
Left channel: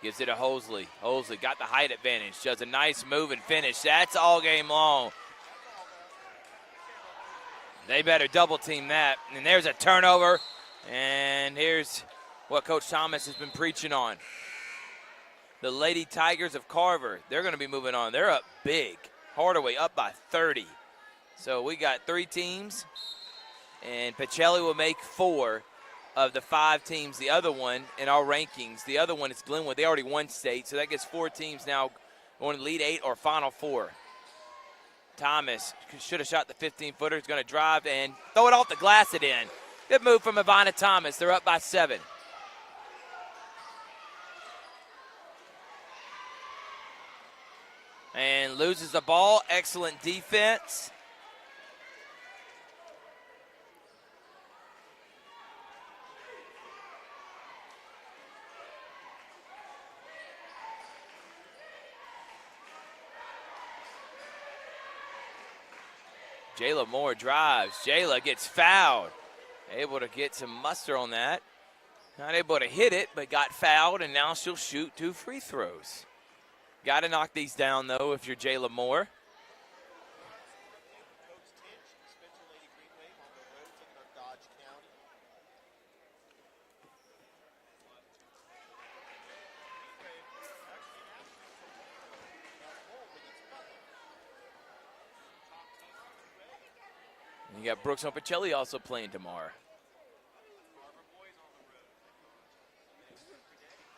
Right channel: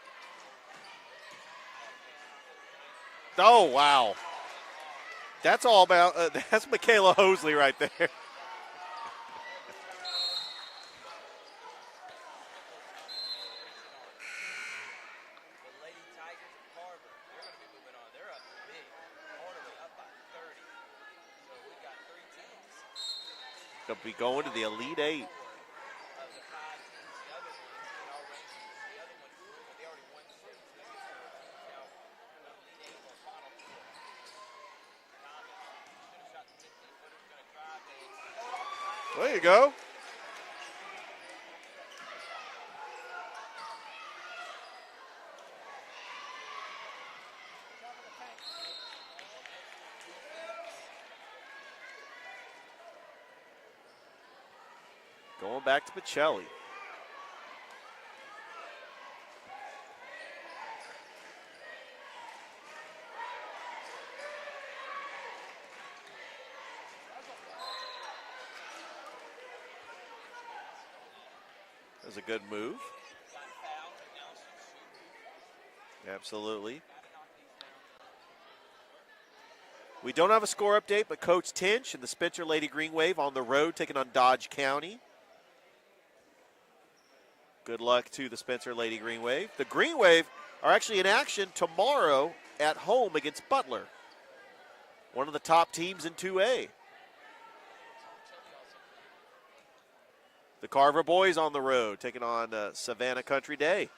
gives it to Hosley. Hosley got the height advantage. Does a nice move and finish. Wow. That's all game long. That's all about, that's Michaela Hosley right there. They better double team that. And there's a turnover. And here's what Coach Thomas has been preaching on. The Lady Tigers of Carver, they're going to be moving on. They're up big. Hardaway up by 30. So we got 3 teams. And Pacelli will make 4 of the 5 teams. The other one in our rankings, the other one is Glenwood. They already won state, so that gets 4 teams now going to lead 8 or Final 4. Thomas should have shot the 15-footer. He's going to drive and throw it off the glass and in. There you go. Good move from Ivana Thomas. They're up by 7. And loses the ball. Excellent defense. Going back to Pacelli. Jayla Moore drives. Jayla gets fouled. Able to get some muster on that. Not able to hit it, but got fouled, and now she'll shoot 2 free throws. Absolutely. Got to knock these down, though, if you're Jayla Moore. We don't have a score update, but Coach Tinch and the Spencer Lady Green Wave on the road taking on Dodge County. Good luck to the Spencer Lady Green Wave. The Green Wave are actually in action tomorrow at home against Butler, one of the top teams in 2A. You got Brooks and Pacelli also playing tomorrow. The Carver boys on the road taking on Savannah Country Day.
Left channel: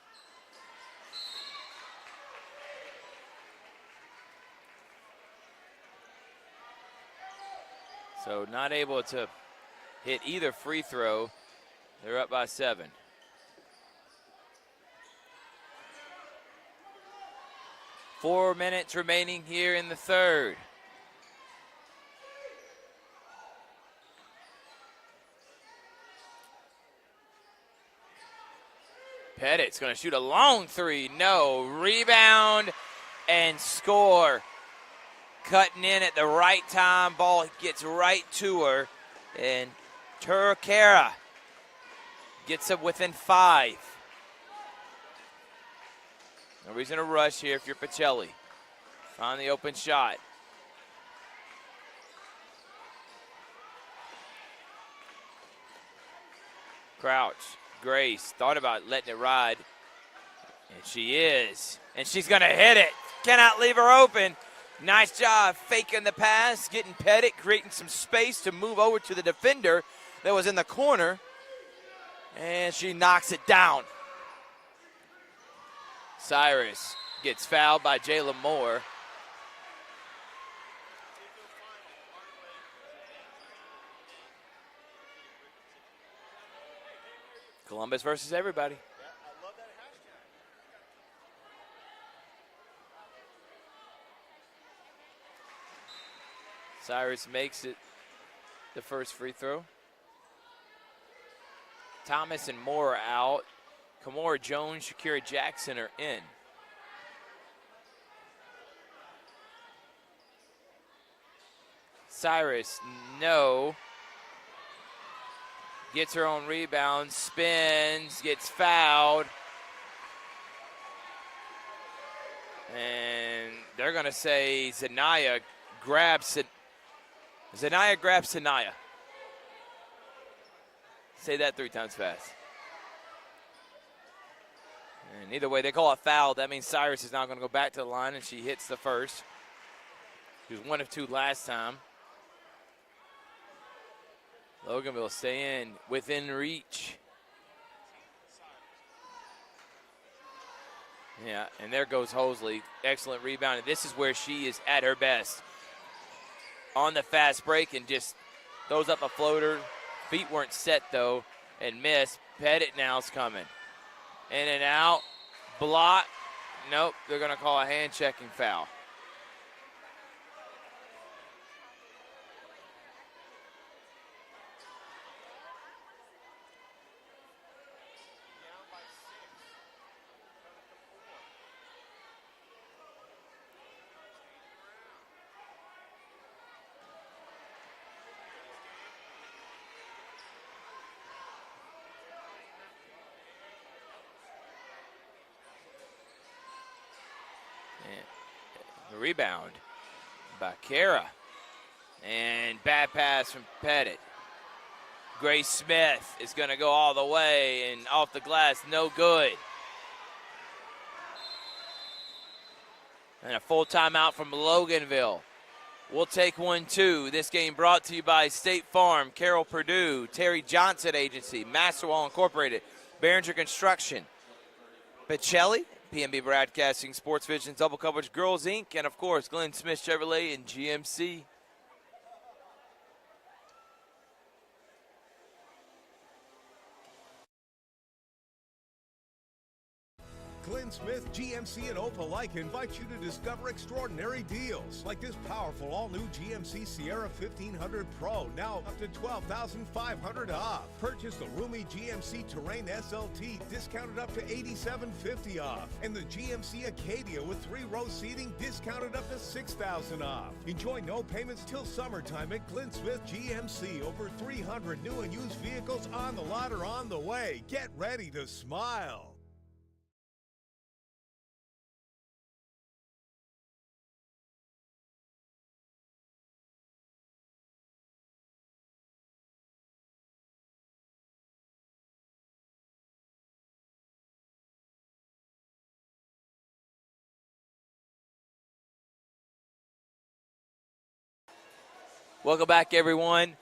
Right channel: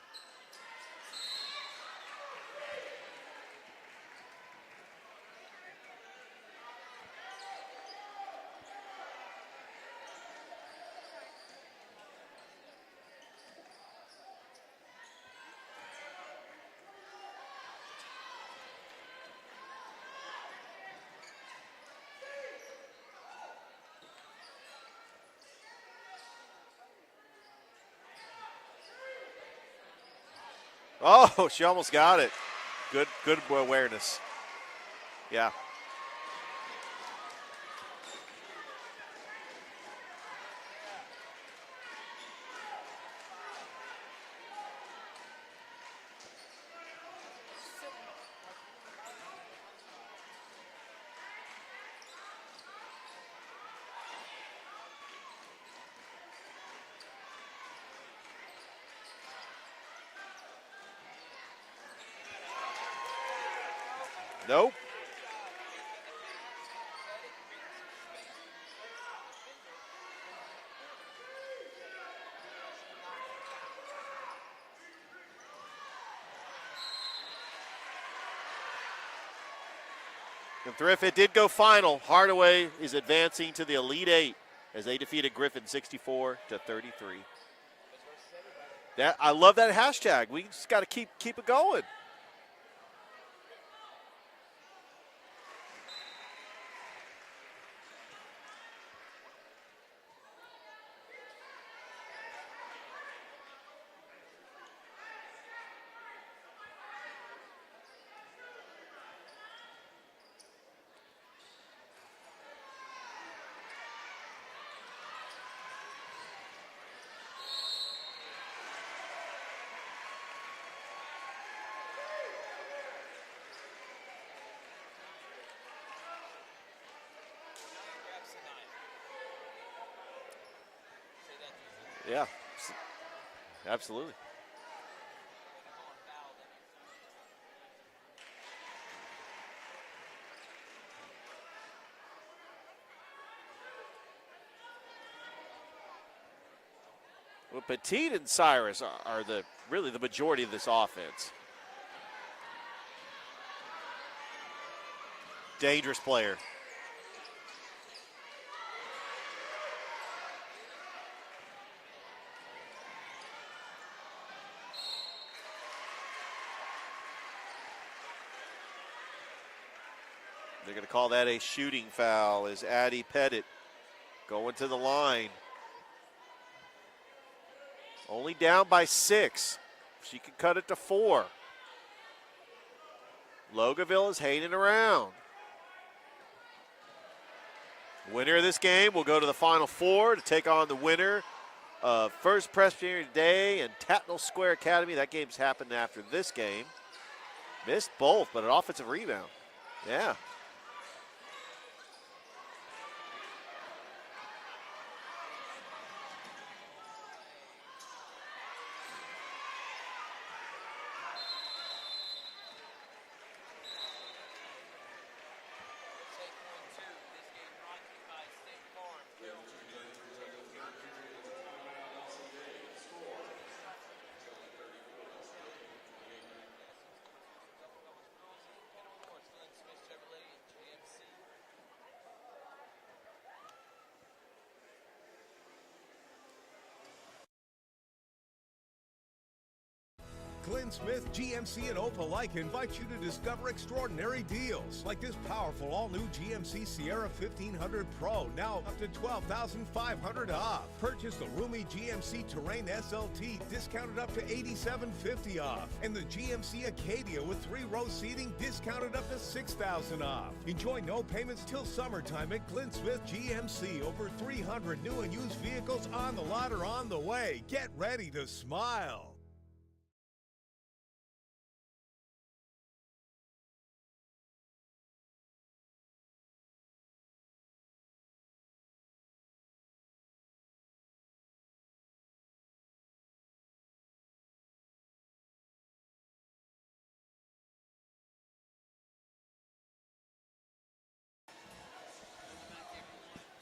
So not able to hit either free throw. They're up by 7. Four minutes remaining here in the third. Pettit's going to shoot a long 3. Oh, she almost Rebound got it. Good and awareness. Score. Yeah. Cutting in at the right time. Ball gets right to her. And Turkera gets it within 5. No reason to rush here if you're Pacelli. On the open shot. Crouch. Grace thought about letting it ride. And she is. And she's going to hit it. Cannot leave her open. Nope. Nice job faking the pass, getting Pettit, creating some space to move over to the defender that was in the corner. And she knocks it down. Cyrus gets fouled by Jayla Moore. And Thrift, it did go final. Hardaway is advancing to the Elite Eight as they defeated Griffin 64-33. Columbus versus everybody. I love that hashtag. We just got to keep it going. Cyrus makes it the first free throw. Thomas and Moore are out. Kamora Jones, Shakira Jackson are in. Cyrus, no. Gets her own rebound, spins, gets fouled. And they're going to say Zanaya grabs Sanaya. Say that 3 times fast. Yeah, absolutely. And either way, they call it foul. That means Cyrus is now going to go back to the line, and she hits the first. She was 1 of 2 last time. Loganville stay in within reach. Well, Petit and Cyrus are really the majority of this offense. Yeah, and there goes Hosley. Excellent rebound. And this is where she is at her best. Dangerous player. On the fast break and just throws up a floater. Feet weren't set, though, and missed. Pettit now's coming. In and out. Block. Nope, they're going to call a hand-checking foul. They're going to call that a shooting foul as Addie Pettit going to the line. Only down by 6. She can cut it to 4. Loganville is hanging around. Winner of this game will go to the Final Four to take on the winner of First Presbyterian Day and Tatnall Square Academy. That game's happened after this game. Missed both, but an offensive rebound. Yeah. By Kara. And bad pass from Pettit. Grace Smith is going to go all the way and off the glass, no good. And a full timeout from Loganville. We'll take 1, 2. This game brought to you by State Farm, Carroll Purdue, Terry Johnson Agency, Masterwall Incorporated, Behringer Construction, Pacelli, PNB Broadcasting, Sports Vision, Double Coverage, Girls Inc., and of course, Glenn Smith Chevrolet and GMC. Glenn Smith, GMC, and Opelika invite you to discover extraordinary deals like this powerful all-new GMC Sierra 1500 Pro, now up to $12,500 off. Purchase the roomy GMC Terrain SLT, discounted up to $8,750 off. And the GMC Acadia with 3-row seating, discounted up to $6,000 off. Enjoy no payments till summertime at Glenn Smith GMC. Over 300 new and used vehicles on the lot or on the way. Get ready to smile. Welcome back, everyone.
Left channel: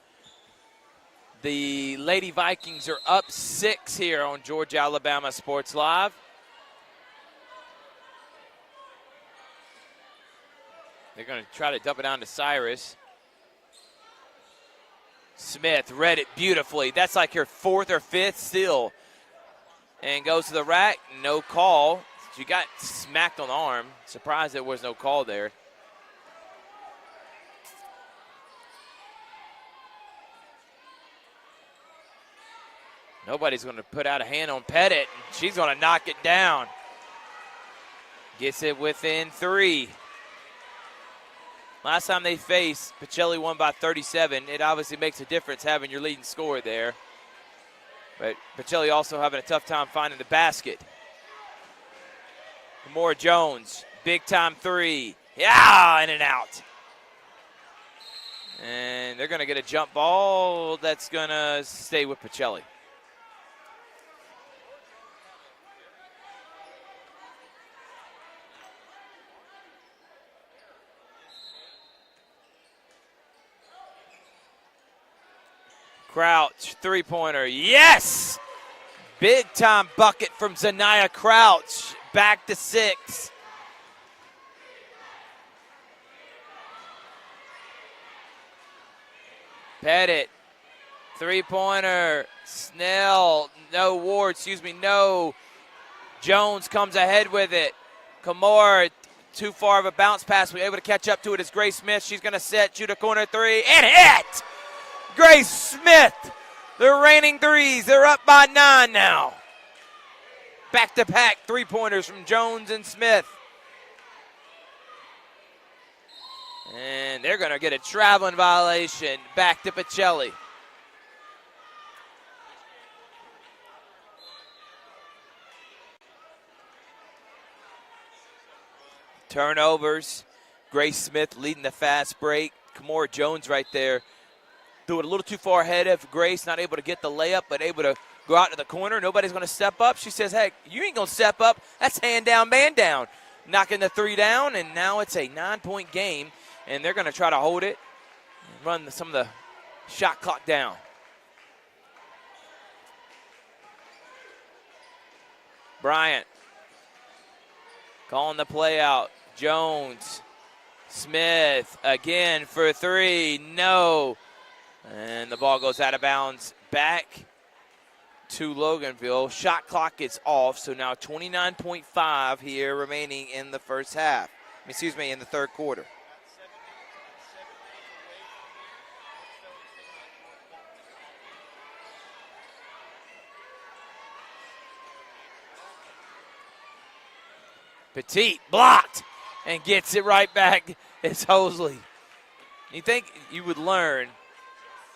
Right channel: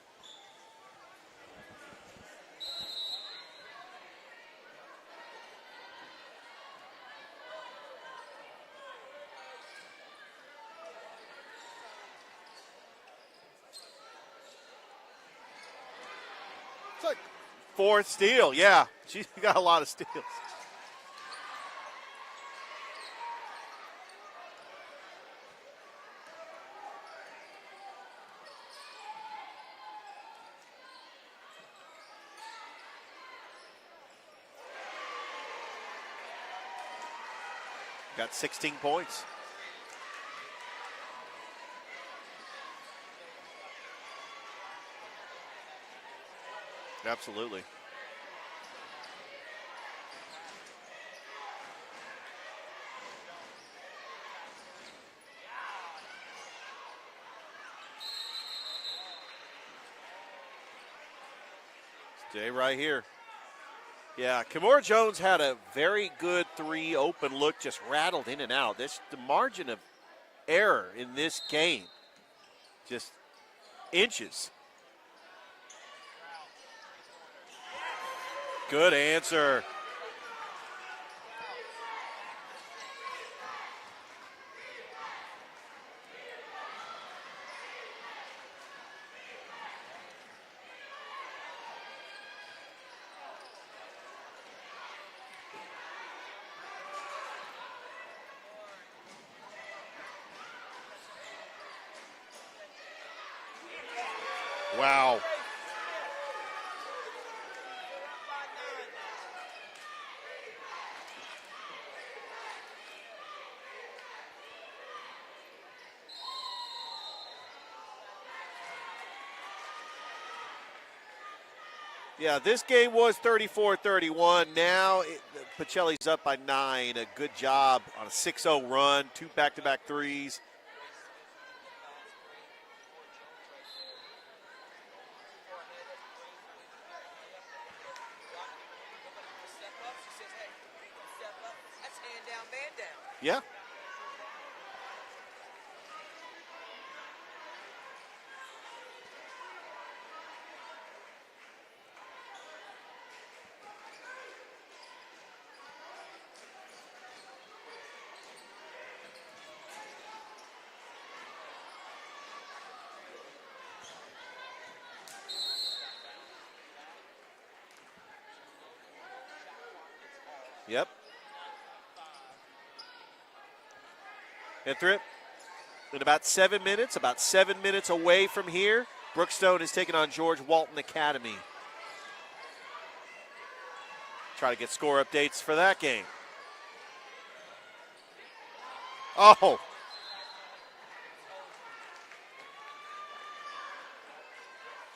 The Lady Vikings are up 6 here on Georgia Alabama Sports Live. They're going to try to dump it down to Cyrus. Smith read it beautifully. That's like her fourth or fifth steal. Yeah, she got a lot of steals. And goes to the rack, no call. She got smacked on the arm. Surprised there was no call there. Nobody's going to put out a hand on Pettit. She's going to knock it down. Gets it within 3. Last time they faced, Pacelli won by 37. It obviously makes a difference having your leading scorer there. Absolutely. But Pacelli also having a tough time finding the basket. Kamora Jones, big time 3. Yeah, in and out. And they're going to get a jump ball that's going to stay with Pacelli. Right here. Yeah, Kamora Jones had a very good 3 open look, just rattled in and out. The margin of error in this game, just inches. Crouch, 3-pointer, yes! Good answer. Big time bucket from Zanaya Crouch. Back to 6. Pettit, 3-pointer. Snell, no. Ward, no. Jones comes ahead with it. Kamor, too far of a bounce pass. We're able to catch up to it as Grace Smith. She's going to set, shoot a corner 3, and hit! Wow. Grace Smith, the reigning threes. They're up by 9 now. Back-to-back 3-pointers from Jones and Smith. And they're going to get a traveling violation. Back to Pacelli. Yeah, this game was 34-31. Now Pacelli's up by 9. A good job on a 6-0 run. 2 turnovers. back-to-back threes. Grace Smith leading the fast break. Kamora Jones right there. Threw it a little too far ahead of Grace. Not able to get the layup, but able to go out to the corner. Nobody's going to step up. She says, hey, you ain't going to step up. That's hand down, man down. Yeah. Knocking the 3 down, and now it's a 9-point game, and they're going to try to hold it and run some of the shot clock down. Bryant calling the play out. Jones, Smith again for 3. No. And the ball goes out of bounds back to Loganville. Shot clock is off, so now 29.5 here remaining in the first half. In the third quarter. In about 7 minutes, about 7 minutes away from here, Brookstone is taking on George Walton Academy. Try to get score updates for that game. Petit blocked Oh. and gets it right back. It's Hosley. You think you would learn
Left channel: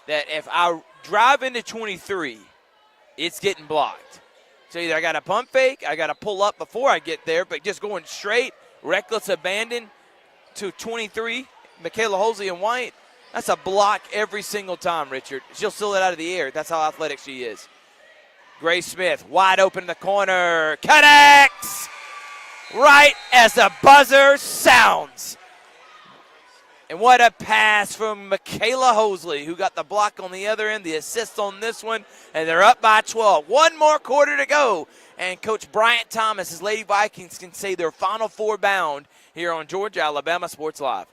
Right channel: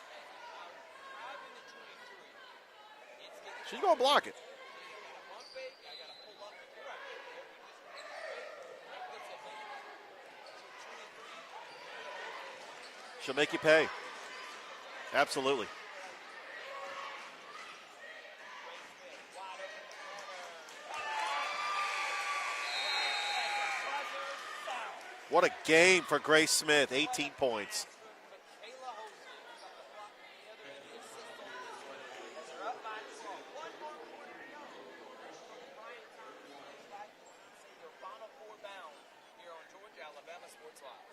that if I drive into 23, it's getting blocked. Block it. So either I got to pump fake, I got to pull up before I get there, but just going straight, reckless abandon to 23, Michaela Hosley and White, that's a block every single time, Richard. Absolutely. She'll steal it out of the air. That's how athletic she is. Grace Smith, wide open in the corner, connects right as the buzzer sounds. What a game for Grace Smith. And what a pass from Michaela Hosley, who got the block on the other end, the assist on this one, and they're up by 12. One more quarter to go, and Coach Bryant Thomas, his Lady Vikings, can say their Final Four bound here on Georgia Alabama Sports Live.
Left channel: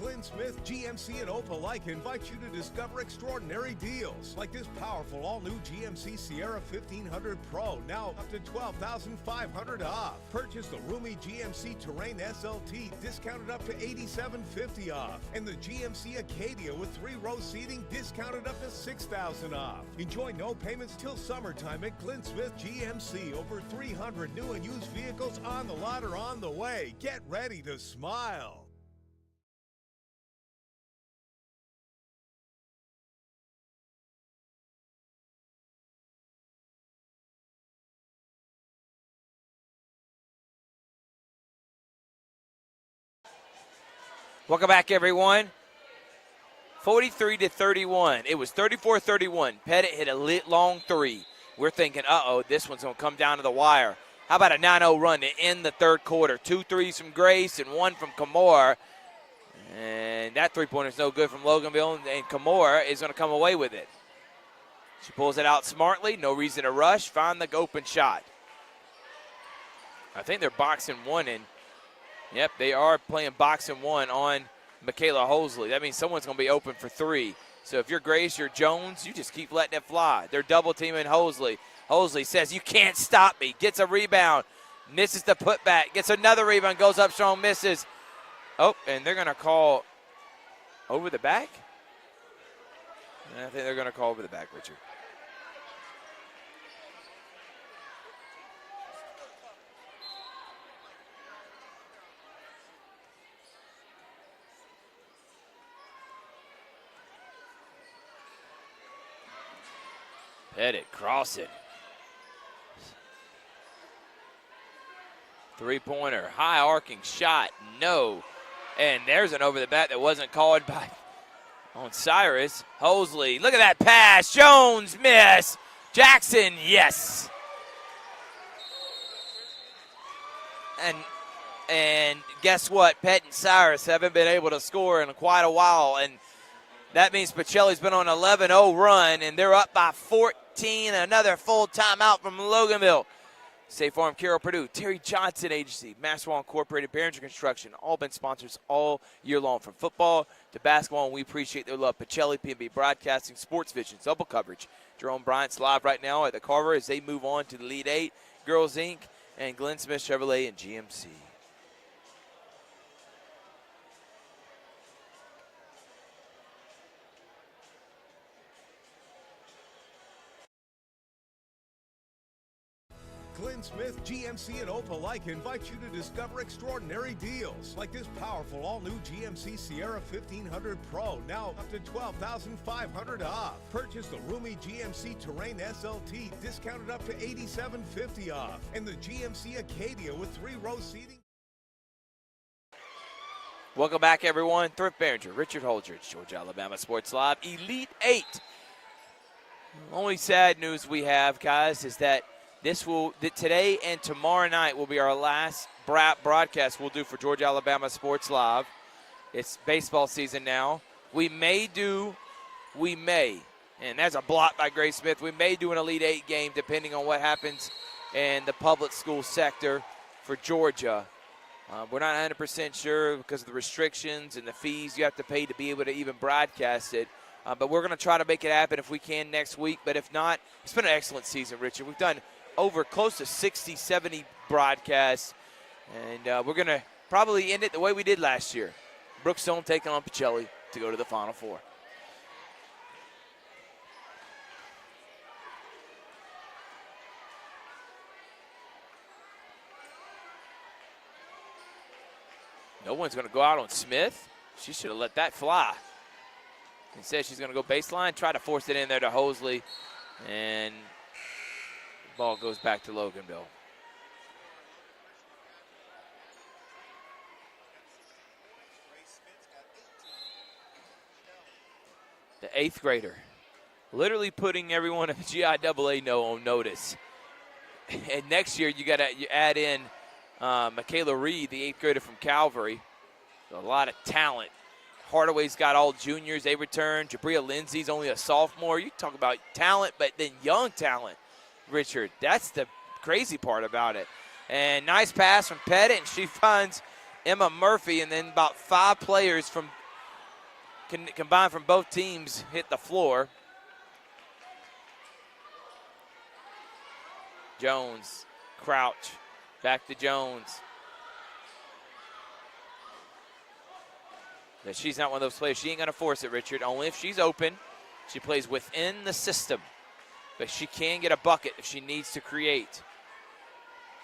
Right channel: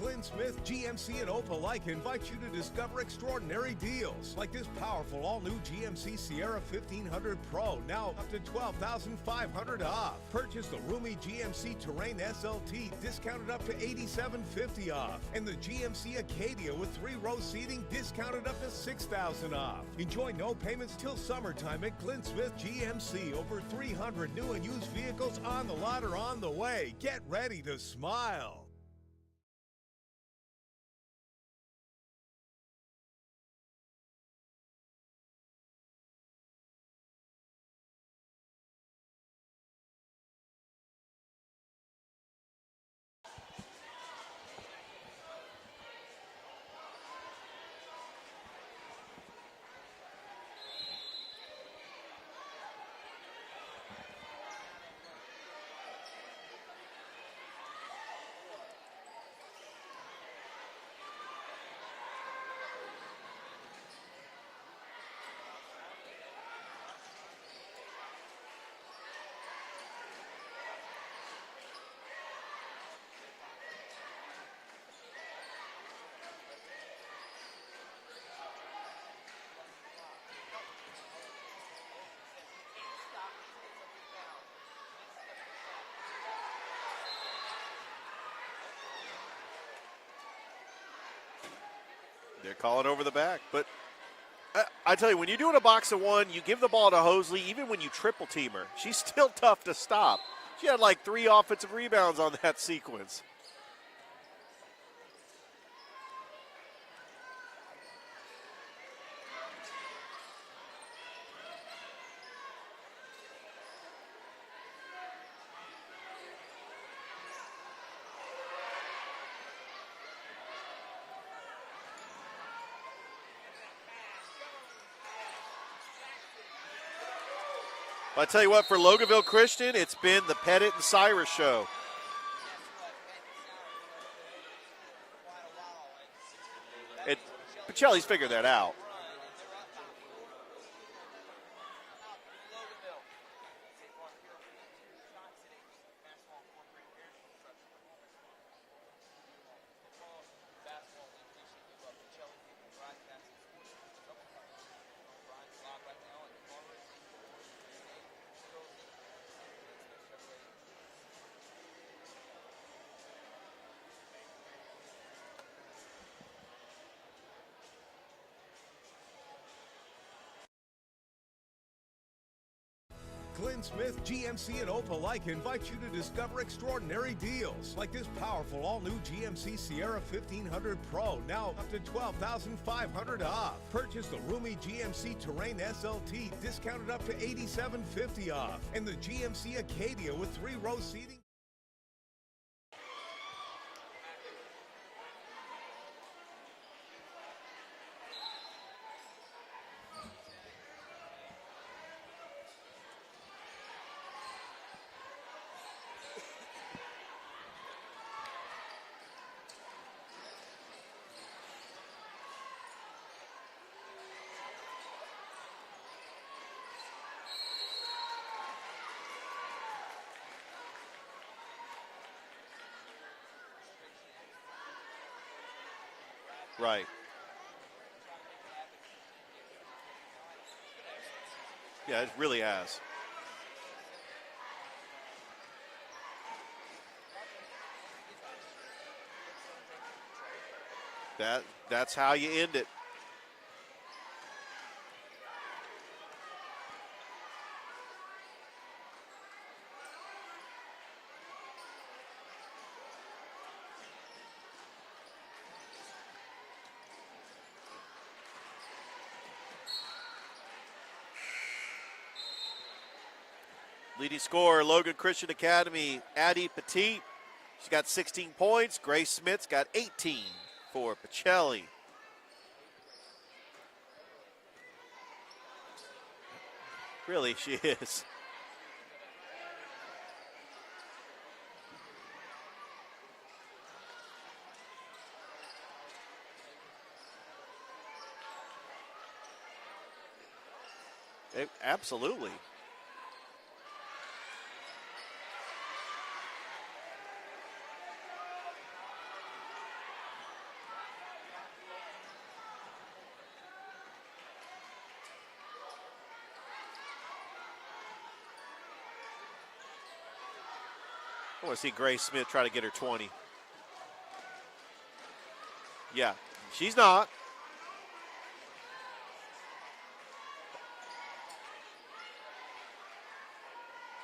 Glenn Smith, GMC, and Opelika invite you to discover extraordinary deals like this powerful all-new GMC Sierra 1500 Pro, now up to $12,500 off. Purchase the roomy GMC Terrain SLT, discounted up to $8,750 off. And the GMC Acadia with 3-row seating, discounted up to $6,000 off. Enjoy no payments till summertime at Glenn Smith GMC. Over 300 new and used vehicles on the lot or on the way. Get ready to smile. Welcome back, everyone. 43-31. It was 34-31. Pettit hit a long 3. We're thinking, uh-oh, this one's going to come down to the wire. How about a 9-0 run to end the third quarter? 2 threes from Grace and 1 from Kamor. And that three-pointer is no good from Loganville, and Kamor is going to come away with it. She pulls it out smartly. No reason to rush. Find the open shot. I think they're boxing 1 in. Yep, they are playing boxing 1 on Michaela Hosley. That means someone's going to be open for 3. So if you're Grace, you're Jones, you just keep letting it fly. They're double teaming Hosley. Hosley says, you can't stop me. Gets a rebound. Misses the putback. Gets another rebound. Goes up strong. Misses. Oh, and they're going to call over the back? They're calling over the back. Yeah, I think they're going to call over the back. I tell you, when you're doing a box of 1, you give the ball to Hosley, even when you triple team her. She's still tough to stop. She had like 3 offensive rebounds on that sequence. Pettit cross it. 3-pointer, high arcing shot, no. And there's an over the back that wasn't called by on Cyrus. Hosley, look at that pass. Jones, miss. Jackson, yes. I tell you what, for Loganville Christian, it's been the Pettit and Cyrus show. And guess what? Pettit and Cyrus haven't been able to score in quite a while. And That means Pacelli's been on an 11-0 run, and they're up by 14. Another full timeout from Loganville. State Farm, Carroll Purdue, Terry Johnson Agency, Maxwell Incorporated, Behringer Construction, all been sponsors all year long, from football to basketball, and we appreciate their love. Pacelli, P&B Broadcasting, Sports Vision, double coverage. Jerome Bryant's live right now at the Carver as they move on to the Elite Eight, Girls Inc., and Glenn Smith Chevrolet and GMC. Glenn Smith, GMC, and Opelika invite you to discover extraordinary deals like this powerful all-new GMC Sierra 1500 Pro, now up to $12,500 off. Purchase the roomy GMC Terrain SLT, discounted up to $8,750 off, and the GMC Acadia with 3-row seating. Welcome back, everyone. Thrift Behringer, Richard Holdridge, Georgia, Alabama Sports Live, Elite Eight. Only sad news we have, guys, is that today and tomorrow night will be our last broadcast we'll do for Georgia Alabama Sports Live. It's baseball season now. We may, and that's a block by Grace Smith, we may do an Elite Eight game depending on what happens in the public school sector for Georgia. We're not 100% sure because of the restrictions and the fees you have to pay to be able to even broadcast it. But we're going to try to make it happen if we can next week. But if not, it's been an excellent season, Richard. We've done over close to 60, 70 broadcasts. And we're going to probably end it the way we did last year. Brookstone taking on Pacelli to go to the Final Four. That's how you end it. No one's going to go out on Smith. She should have let that fly. Instead, she's going to go baseline, try to force it in there to Hosley, and the ball goes back to Loganville. Leading scorer, Logan Christian Academy, Addie Petit. She's got 16 points. Grace Smith's got 18 for Pacelli. The 8th grader. Literally putting everyone at GIAA on notice. Really, she is. And next year, you add in Michaela Reed, the 8th grader from Calvary. A lot of talent. Hardaway's got all juniors. They return. Jabria Lindsay's only a sophomore. You talk about talent, but then young talent, Absolutely. Richard. That's the crazy part about it. And nice pass from Pettit, and she finds Emma Murphy, and then about 5 players combined from both teams hit the floor. Jones, Crouch, back to Jones. I want to see Grace Smith try to get her 20. But she's not one of those players. She ain't going to force it, Richard. She's not. She's open. She plays within the system. But she can get a bucket if she needs to create.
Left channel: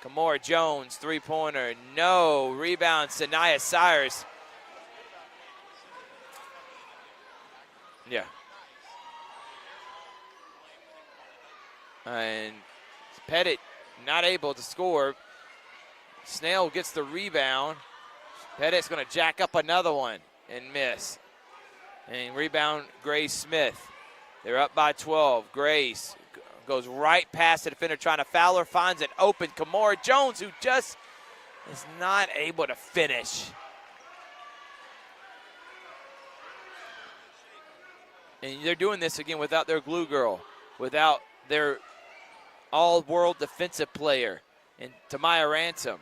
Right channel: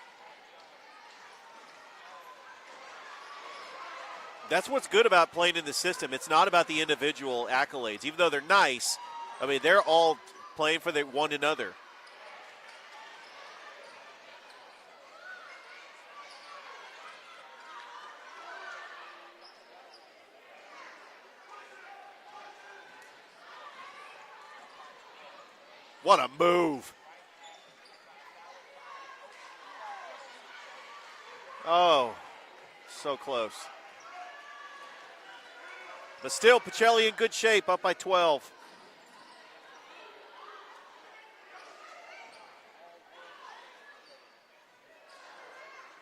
Kamora Jones, three-pointer. No. Rebound, Sanaya Sires. That's what's good about playing in the system. It's not about the individual accolades. Even though they're nice, I mean, they're all playing for one another. And Pettit not able to score. Snell gets the rebound. Pettit's going to jack up another one and miss. And rebound, Grace Smith. They're up by 12. Grace. What a move. Goes right past the defender trying to foul her. Finds an open Kamora Jones, who just is not able to finish. So close. But still, Pacelli in good shape, up by 12. And they're doing this again without their glue girl, without their all-world defensive player, and Tamaya Ransom.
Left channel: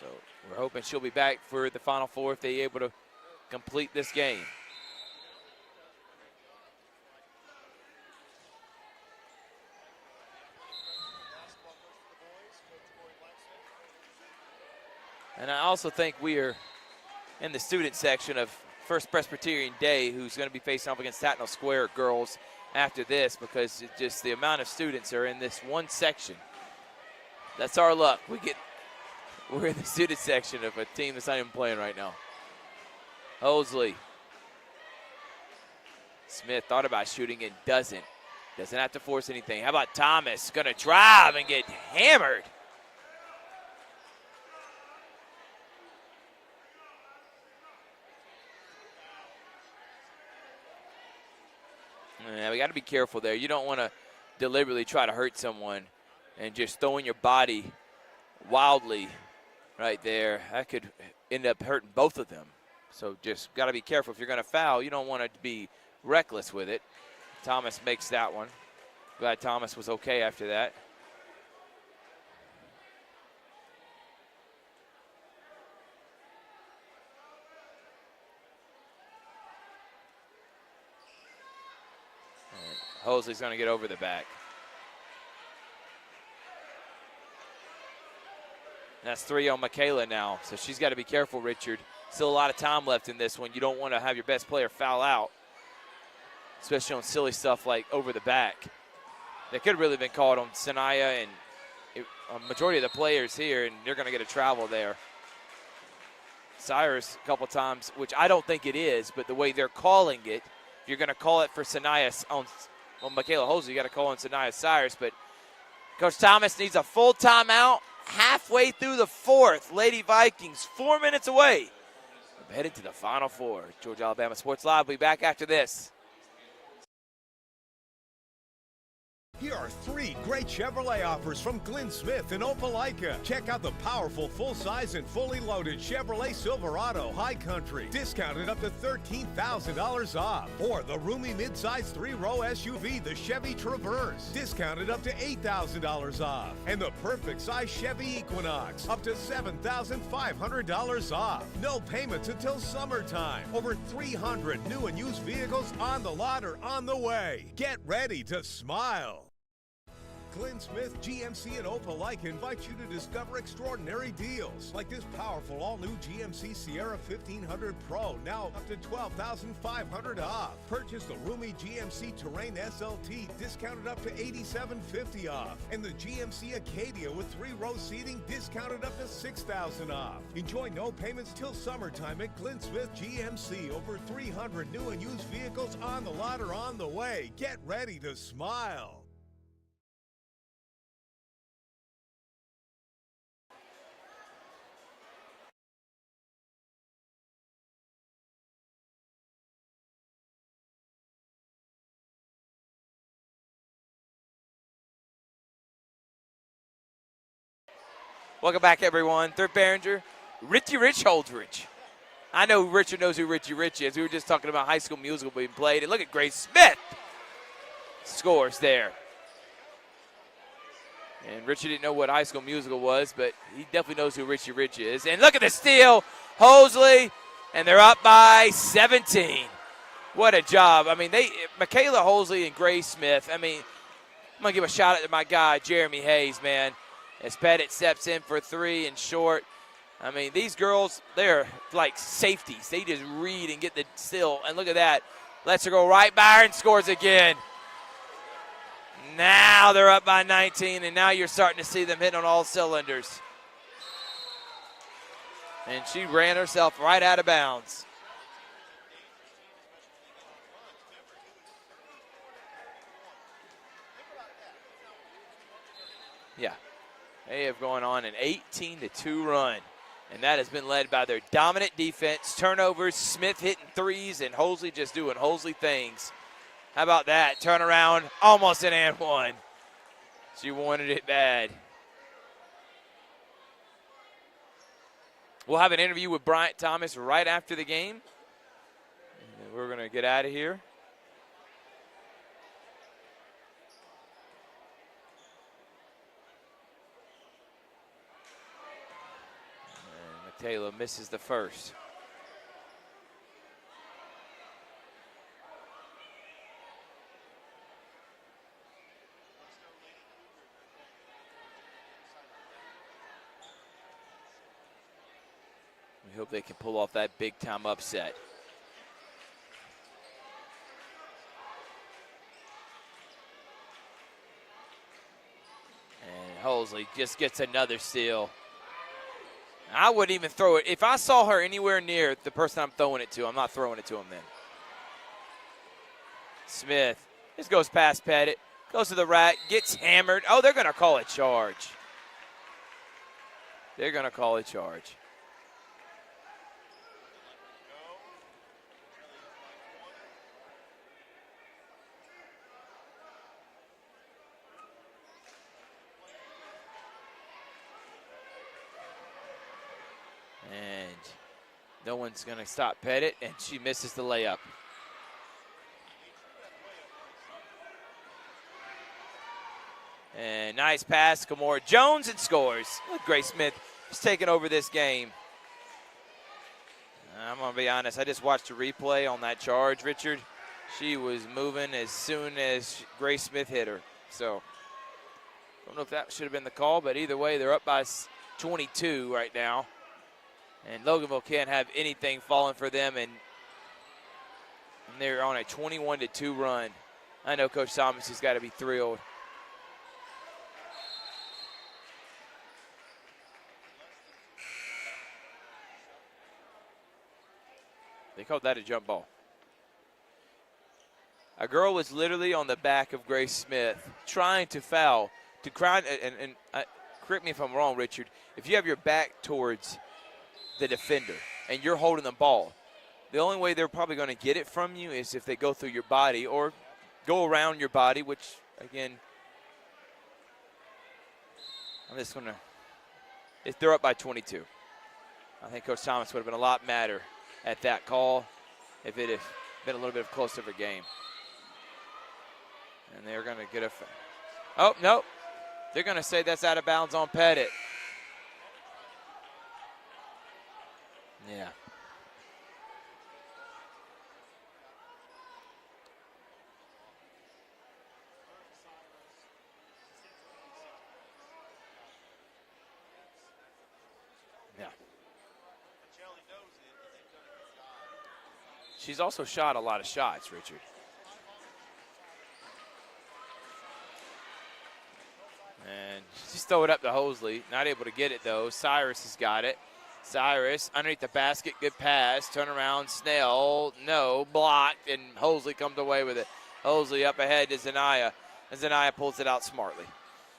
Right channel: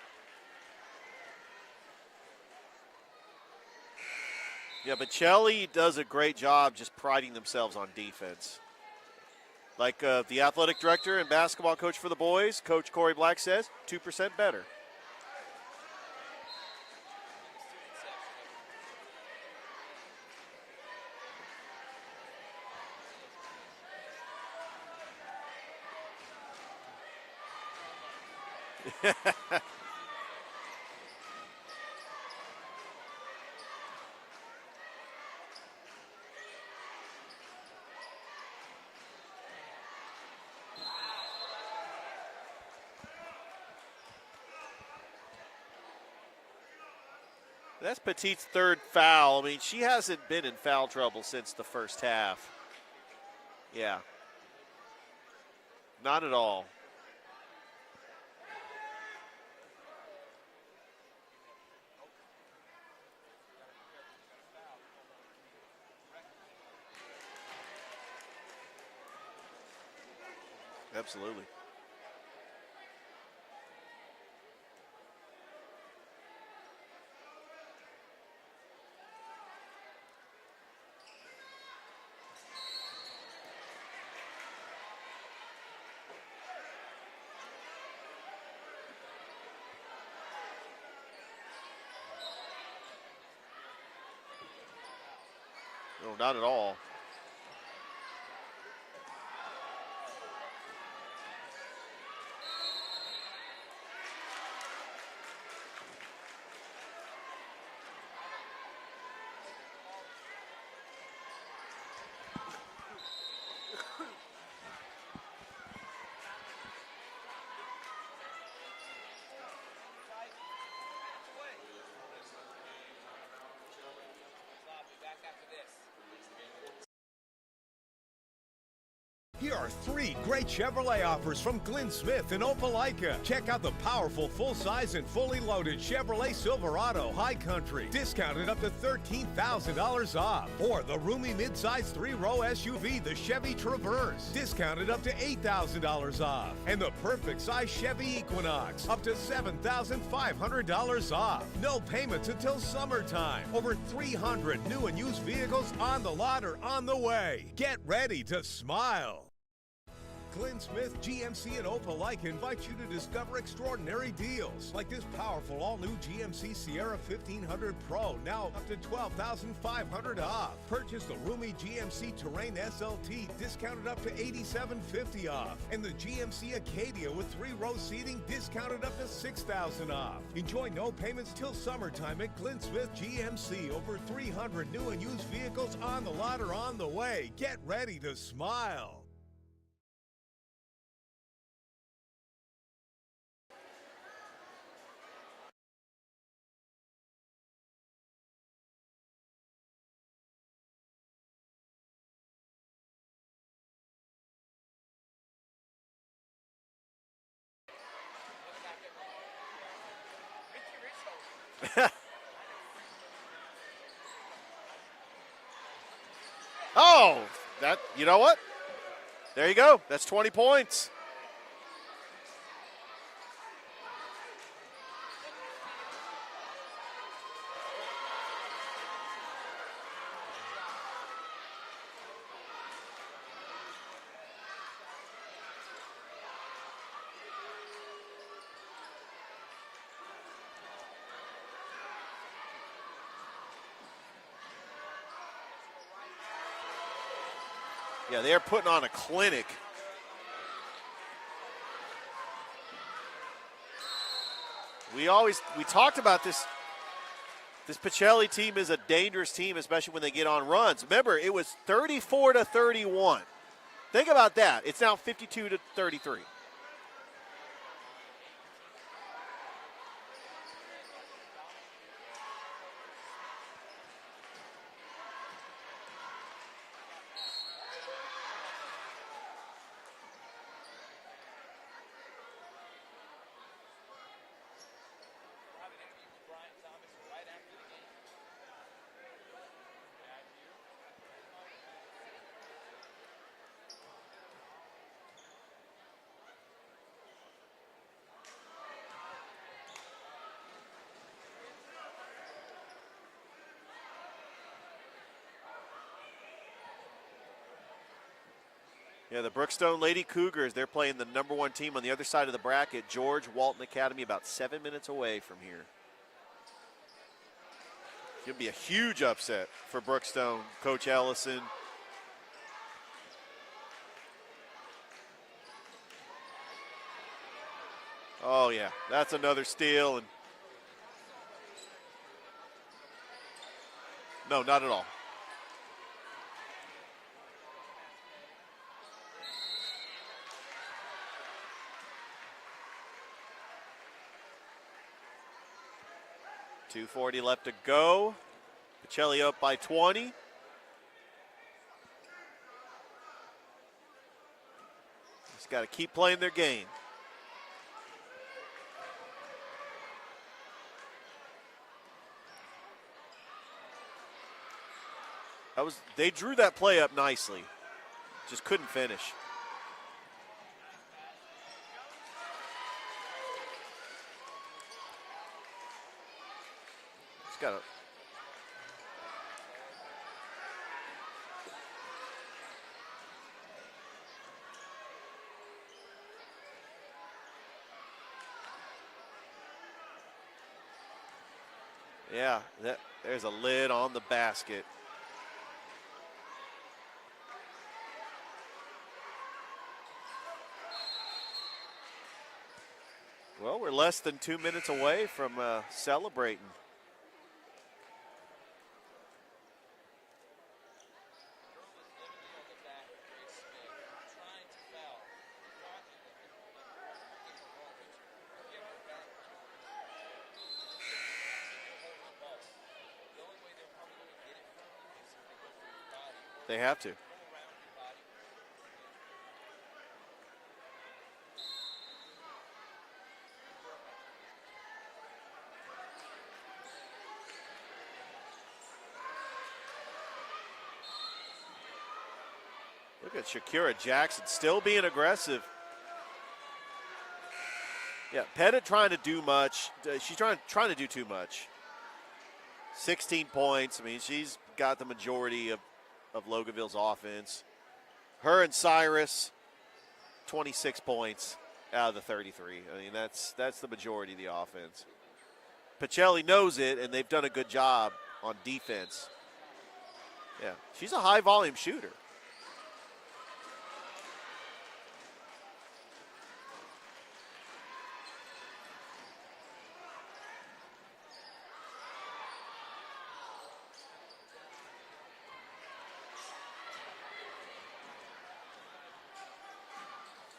So we're hoping she'll be back for the Final Four if they're able to complete this game. Yeah, but Pacelli does a great job just priding themselves on defense. Like the athletic director and basketball coach for the boys, Coach Corey Black says, 2% better. And I also think we are in the student section of First Presbyterian Day, who's going to be facing off against Tatnall Square girls after this, because it's just the amount of students are in this one section. That's our luck. We're in the student section of a team that's not even playing right now. Hosley. Smith thought about shooting and doesn't. Doesn't have to force anything. How about Thomas? Going to drive and get hammered. That's Petit's third foul. I mean, she hasn't been in foul trouble since the first half. Yeah, we got to be careful there. You don't want to deliberately try to hurt someone. Not at all. And just throwing your body wildly right there. That could end up hurting both of them. So just got to be careful if you're going to foul. You don't want to be reckless with it. Thomas makes that one. Glad Thomas was okay after that. Absolutely. Hosley's going to get over the back. That's 3 on Michaela now, so she's got to be careful, Richard. Still a lot of time left in this one. You don't want to have your best player foul out. No, not at all. Especially on silly stuff like over the back. That could have really been called on Sanaya and a majority of the players here, and they're going to get a travel there. Cyrus a couple times, which I don't think it is, but the way they're calling it, you're going to call it for Sanaya on Michaela Hosley. You got to call on Sanaya Cyrus, but Coach Thomas needs a full timeout halfway through the fourth. Lady Vikings 4 minutes away. Headed to the Final Four. Georgia Alabama Sports Live will be back after this. Here are 3 great Chevrolet offers from Glenn Smith in Opelika. Check out the powerful full-size and fully loaded Chevrolet Silverado High Country, discounted up to $13,000 off. Or the roomy midsize 3-row SUV, the Chevy Traverse, discounted up to $8,000 off. And the perfect size Chevy Equinox, up to $7,500 off. No payments until summertime. Over 300 new and used vehicles on the lot or on the way. Get ready to smile. Glenn Smith GMC in Opelika invites you to discover extraordinary deals like this powerful all-new GMC Sierra 1500 Pro, now up to $12,500 off. Purchase the roomy GMC Terrain SLT, discounted up to $8,750 off. And the GMC Acadia with 3-row seating, discounted up to $6,000 off. Enjoy no payments till summertime at Glenn Smith GMC. Over 300 new and used vehicles on the lot or on the way. Get ready to smile. Welcome back, everyone. Third Behringer, Richie Rich Holdridge. I know Richard knows who Richie Rich is. We were just talking about High School Musical being played. And look at Grace Smith. Oh, you know what? Scores there. There you go. That's 20 points. And Richard didn't know what High School Musical was, but he definitely knows who Richie Rich is. And look at the steal. Hosley, and they're up by 17. What a job. I mean, Michaela Hosley and Grace Smith. I mean, I'm going to give a shout out to my guy, Jeremy Hayes, man. As Pettit steps in for 3 and short. I mean, these girls, they're like safeties. They just read and get the steal. And look at that. Lets her go right by her and scores again. Yeah, they're putting on a clinic. Now they're up by 19, and now you're starting to see them hitting on all cylinders. We talked about she ran this. herself right out of bounds. This Pacelli team is a dangerous team, especially when they get on runs. Remember, it was 34-31. Think about that. It's now 52-33. Yeah. They have gone on an 18-2 run, and that has been led by their dominant defense, turnovers, Smith hitting threes, and Hosley just doing Hosley things. How about that? Turnaround, almost an and one. She wanted it bad. We'll have an interview with Bryant Thomas right after the game. We're going to get out of here. Taylor misses the first. Yeah, the Brookstone Lady Cougars, they're playing the #1 team on the other side of the bracket, George Walton Academy, about 7 minutes away from here. We hope they can pull off that big-time upset. It'll be a huge upset for Brookstone, Coach Ellison. Hosley just gets another steal. Oh, yeah, that's another steal. I wouldn't even throw it. If I saw her anywhere near the person I'm throwing it to, I'm not throwing it to him then. No, not at all. Smith just goes past Pettit, goes to the rack, gets hammered. Oh, they're going to call a charge. They're going to call a charge. 2:40 left to go. Pacelli up by 20. Got to keep playing their game. And No one's going to stop Pettit, and she misses the layup. They drew that play up nicely. Just couldn't finish. And nice pass, Kimora Jones, and scores. Grace Smith is taking over this game. I'm going to be honest, I just watched a replay on that charge, Richard. She was moving as soon as Grace Smith hit her. So, I don't know if that should have been the call, but either way, they're up by 22 right now. And Loganville can't have anything falling for them. And there's a lid on the basket. And they're on a 21-2 run. I know Coach Thomas has got to be thrilled. Well, we're less than 2 minutes away from celebrating. They called that a jump ball. A girl was literally on the back of Grace Smith trying to foul. And correct me if I'm wrong, Richard. If you have your back towards the defender and you're holding the ball, the only way they're probably going to get it from you is if they go through your body or they have to go around your body, which, again, I'm just going to – if they're up by 22. I think Coach Thomas would have been a lot madder at that call if it had been a little bit closer of a game. And they're going to Shakira Jackson still being aggressive. They're going to say that's out of bounds on Pettit. Yeah, Pettit trying to do much. She's trying to do too much. Yeah. 16 points. I mean, she's got the majority of Loganville's offense. Her and Cyrus, 26 points out of the 33. I mean, that's the majority of the offense. Yeah. Pacelli knows it, and they've done a good job on defense. She's also shot a lot of shots, Richard. Yeah. She's a high-volume shooter. And just throw it up to Hosley. Not able to get it, though. Cyrus has got it. Cyrus underneath the basket. Good pass. Turn around. Snell. No. Blocked. And Hosley comes away with it. Hosley up ahead to Zanaya. And Zanaya pulls it out smartly.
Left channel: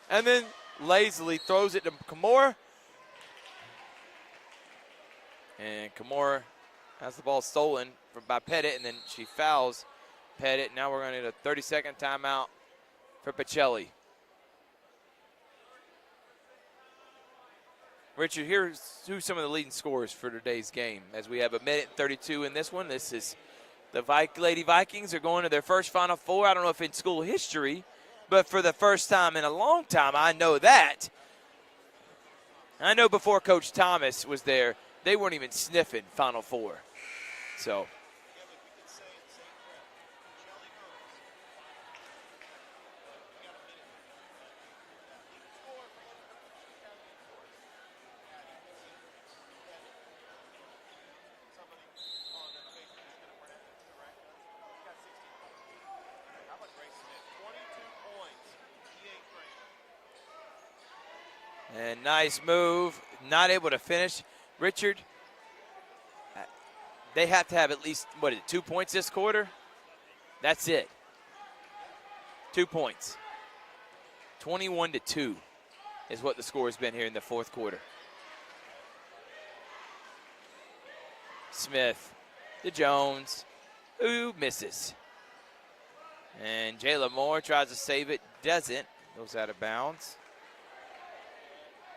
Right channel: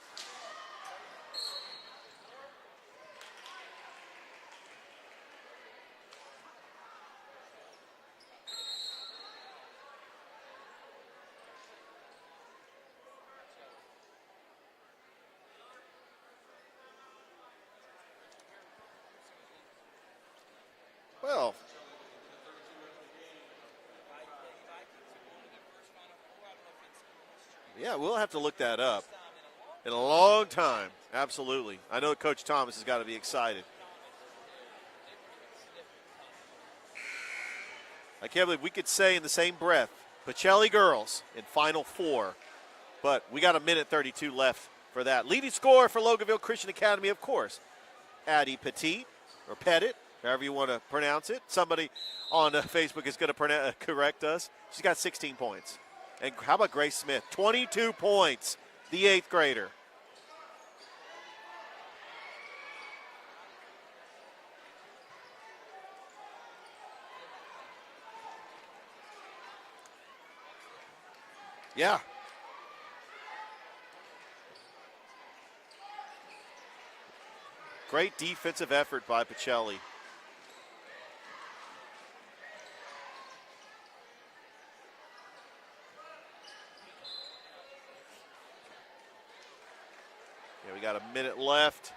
And then lazily throws it to Kimora. And Kimora has the ball stolen by Pettit. And then she fouls Pettit. Now we're going to need a 30-second timeout for Pacelli. Richard, here's who's some of the leading scorers for today's game. As we have 1:32 in this one. This is the Lady Vikings are going to their first Final Four. I don't know if in school history. Yeah, we'll have to but look for that the first time in a long time, I know that. Absolutely. I know Coach Thomas is I know before excited. Coach Thomas was there, they weren't even sniffing Final Four. So I can't believe we could say in the same breath, Pacelli girls in Final Four, but we got 1:32 left for that. Leading scorer for Loganville Christian Academy, of course, Addie Petit, or Pettit, however you want to pronounce it. Somebody on Facebook is going to correct us. She's got 16 points. And how about Grace Smith? 22 points, the 8th grader. And nice move. Not able to finish. Richard, they have to have at least, 2 points this quarter? That's it. Yeah. 2 points. 21-2. Is what the score has been here in the fourth quarter. Great defensive effort by Pacelli. Smith to Jones. Ooh, misses. And Jayla Moore tries to save it, doesn't. Goes out of bounds. Yeah, we got a minute left.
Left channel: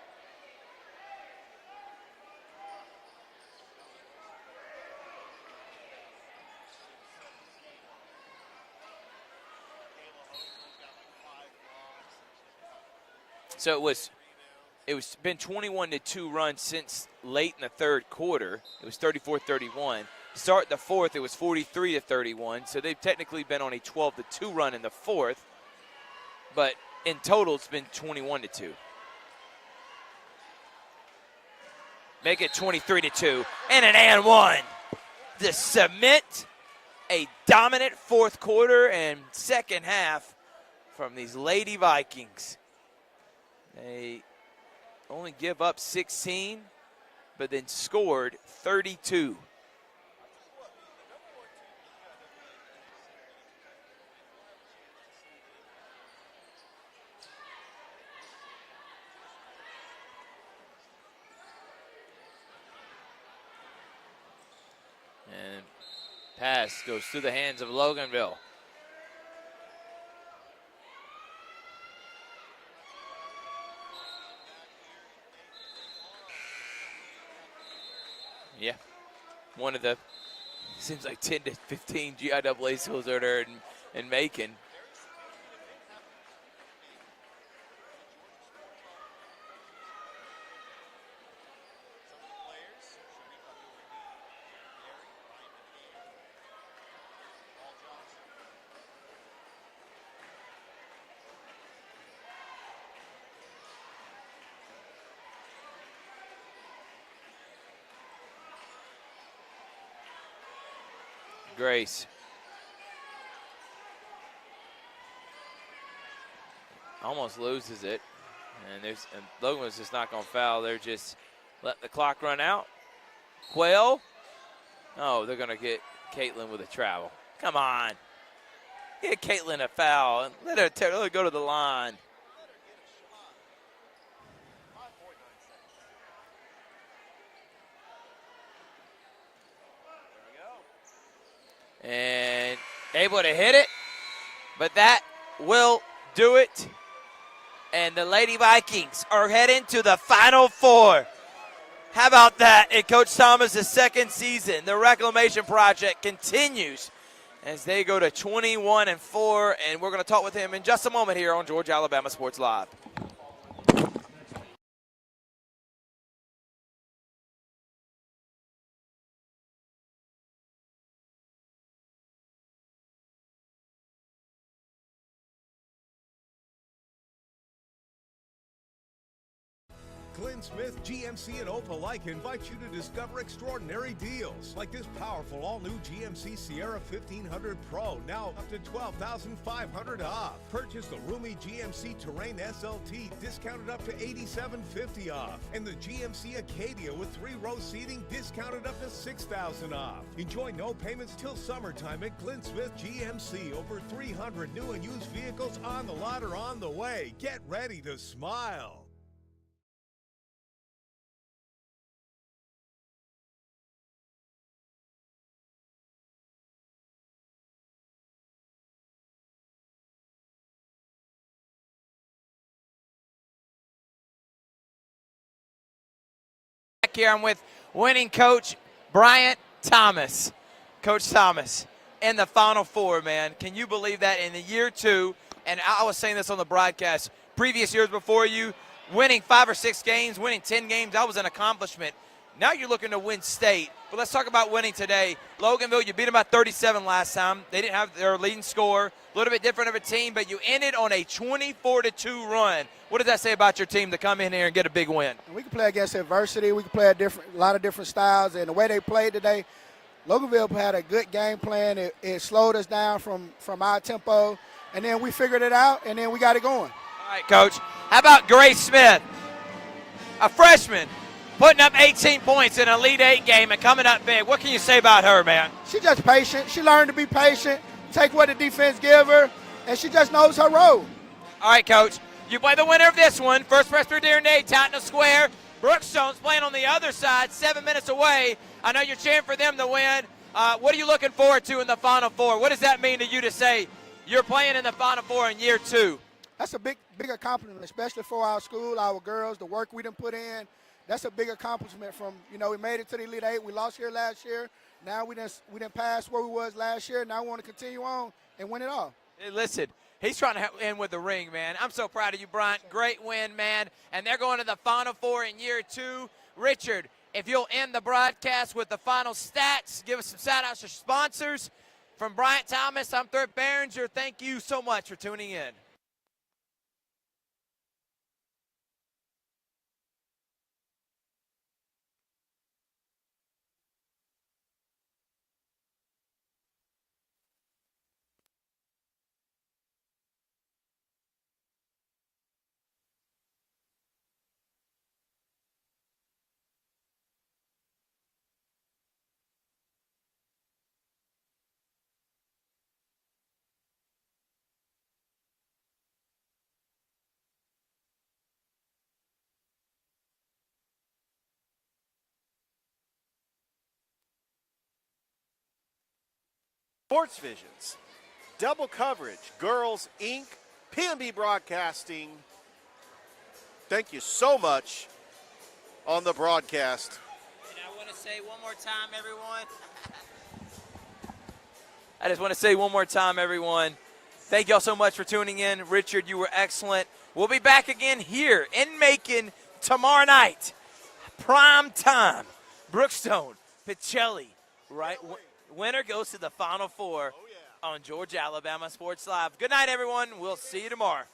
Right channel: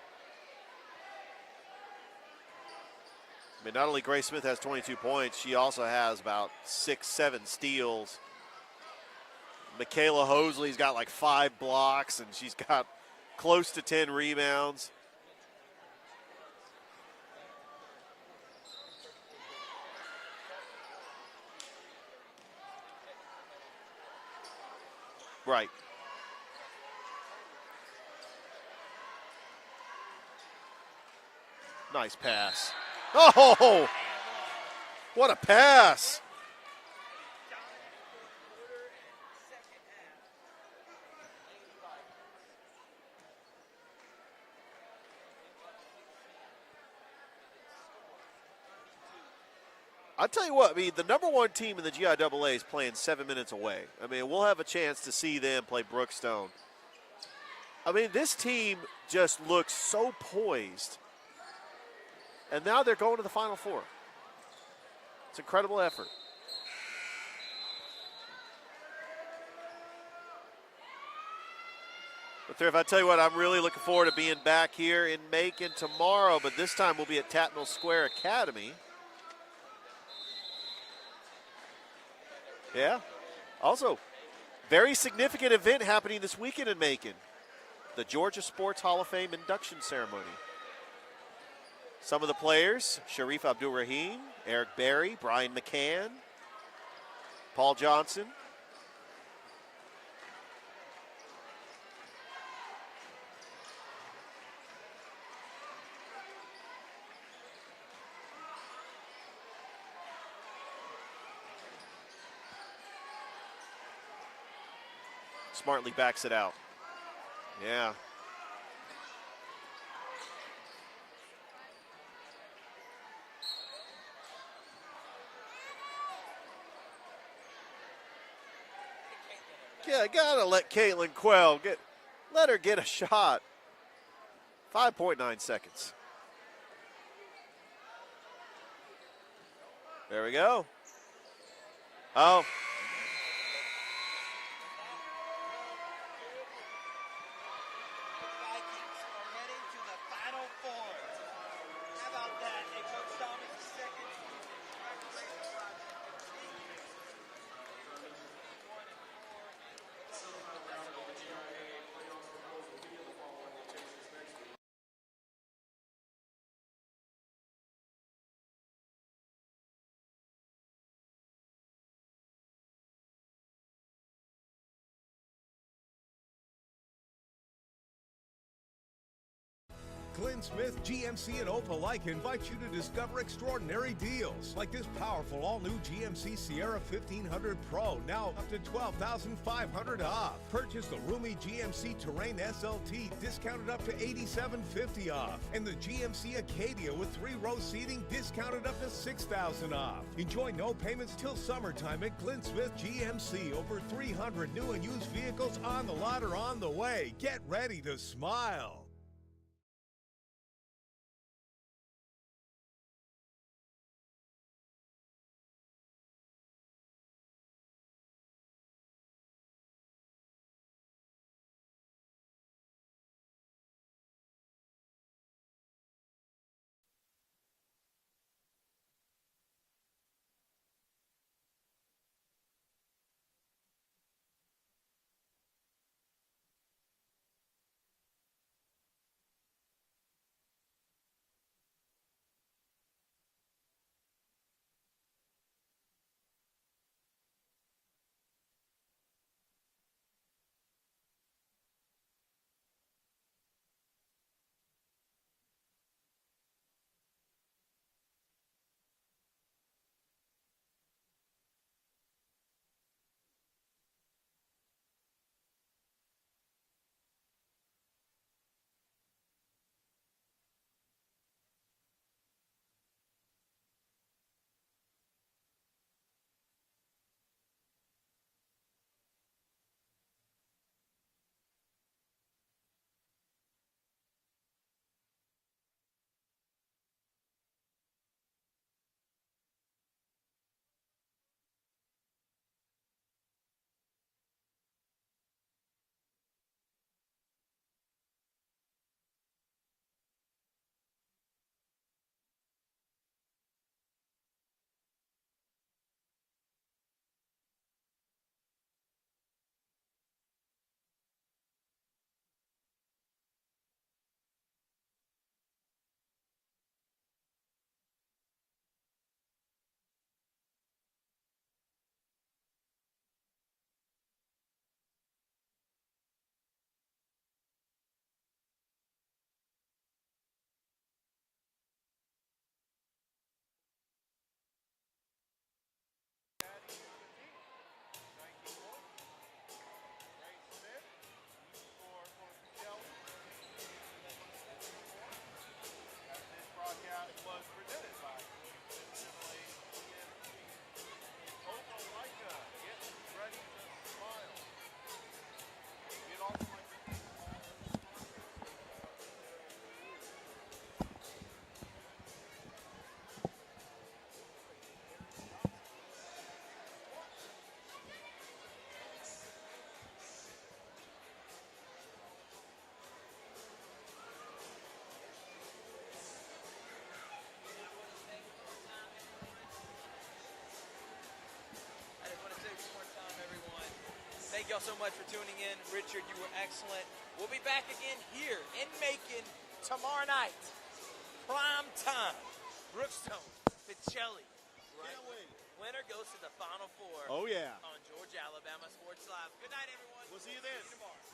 I mean, not only Grace Smith has 22 points, she also has about 6-7 steals. Michaela Hosley's got like 5 blocks, and she's got close to 10 rebounds. It's been 21-2 run since late in the third quarter. It was 34-31. Start the fourth, it was 43-31. So they've technically been on a 12-2 run in the fourth. Right. But in total, it's been 21-2. Nice pass. Make it 23-2 Oh! and one. What a To pass. cement a dominant fourth quarter and second half from these Lady Vikings. They only give up 16, but then scored 32. I'll tell you what, I mean, the number one team in the GIAA is playing 7 minutes away. I mean, we'll have a chance to see them play Brookstone. I mean, this team just looks so poised. And now they're going to the Final Four. It's an incredible effort. Pass goes through the hands of Loganville. But if I tell you what, I'm really looking forward to being back here in Macon tomorrow, but this time we'll be at Tattnall Square Academy. Yeah. one of the, seems like 10 to 15 GIAA schools that are in Macon. Very significant event happening this weekend in Macon. The Georgia Sports Hall of Fame induction ceremony. Some of the players: Sharif Abdul-Rahim, Eric Berry, Brian McCann, Paul Johnson. Grace. Smartly backs it out. Almost loses it. And Loganville's just not going to foul. They're just letting the clock run out. Quayle. Oh, they're going to get Caitlin with a travel. Come on. Get Caitlin a foul. Yeah, gotta let Caitlin go to the line. Let her get a shot. 5.9 seconds. There we go. And able to hit it, but that will do it. And the Lady Vikings are heading to the Final Four. How about that in Coach Thomas' second season? The reclamation project continues as they go to 21-4, and we're going to talk with him in just a moment here on Georgia Alabama Sports Live. Glenn Smith, GMC, and Opelika invite you to discover extraordinary deals like this powerful all-new GMC Sierra 1500 Pro, now up to $12,500 off. Purchase the roomy GMC Terrain SLT, discounted up to $8,750 off. And the GMC Acadia with 3-row seating, discounted up to $6,000 off. Enjoy no payments till summertime at Glenn Smith GMC. Over 300 new and used vehicles on the lot or on the way. Get ready to smile. Here I'm with winning coach Bryant Thomas. Coach Thomas in the Final Four, man. Can you believe that in the year 2? And I was saying this on the broadcast, previous years before you, winning 5 or 6 games, winning 10 games, that was an accomplishment. Now you're looking to win state. But let's talk about winning today. Loganville, you beat them by 37 last time. They didn't have their leading scorer. A little bit different of a team, but you ended on a 24-2 run. What does that say about your team to come in here and get a big win? We can play against adversity. We can play a lot of different styles. And the way they played today, Loganville had a good game plan. It slowed us down from our tempo. And then we figured it out, and then we got it going. All right, Coach. How about Grace Smith, a freshman, putting up 18 points in an Elite 8 game and coming up big? What can you say about her, man? She's just patient. She learned to be patient, take what the defense give her, and she just knows her role. All right, Coach. You play the winner of this one. First Presbyterian Day, Tottenham Square. Brookstone's playing on the other side, 7 minutes away. I know you're cheering for them to win. What are you looking forward to in the Final Four? What does that mean to you to say you're playing in the Final Four in year 2? That's a big accomplishment, especially for our school, our girls, the work we done put in. That's a big accomplishment from, we made it to the Elite 8. We lost here last year. Now we done passed where we was last year. Now we want to continue on and win it all. Hey, listen, he's trying to end with the ring, man. I'm so proud of you, Bryant. Great win, man. And they're going to the Final Four in year 2. Richard, if you'll end the broadcast with the final stats, give us some shout-outs to sponsors. From Bryant Thomas, I'm Thurp Behringer. Thank you so much for tuning in. Sports Visions, double coverage, Girls Inc., PNB Broadcasting. Thank you so much on the broadcast. And I want to say one more time, everyone. I just want to say one more time, everyone. Thank y'all so much for tuning in. Richard, you were excellent. We'll be back again here in Macon tomorrow night. Prime time. Brookstone, Pacelli, right? Winner goes to the Final Four. Oh, yeah. On Georgia, Alabama Sports Live. Good night, everyone. We'll see you tomorrow.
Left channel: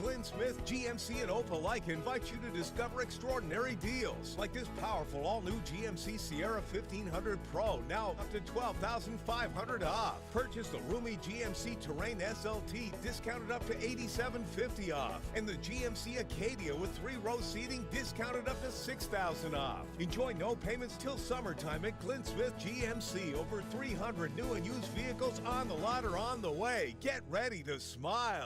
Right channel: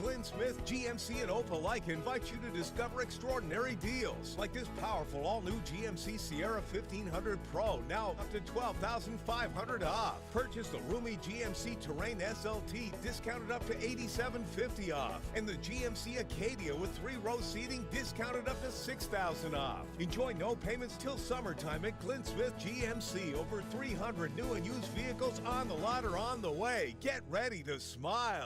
Glenn Smith, GMC, and Opelika invite you to discover extraordinary deals like this powerful all-new GMC Sierra 1500 Pro, now up to $12,500 off. Purchase the roomy GMC Terrain SLT, discounted up to $8,750 off. And the GMC Acadia with 3-row seating, discounted up to $6,000 off. Enjoy no payments till summertime at Glenn Smith GMC. Over 300 new and used vehicles on the lot or on the way. Get ready to smile.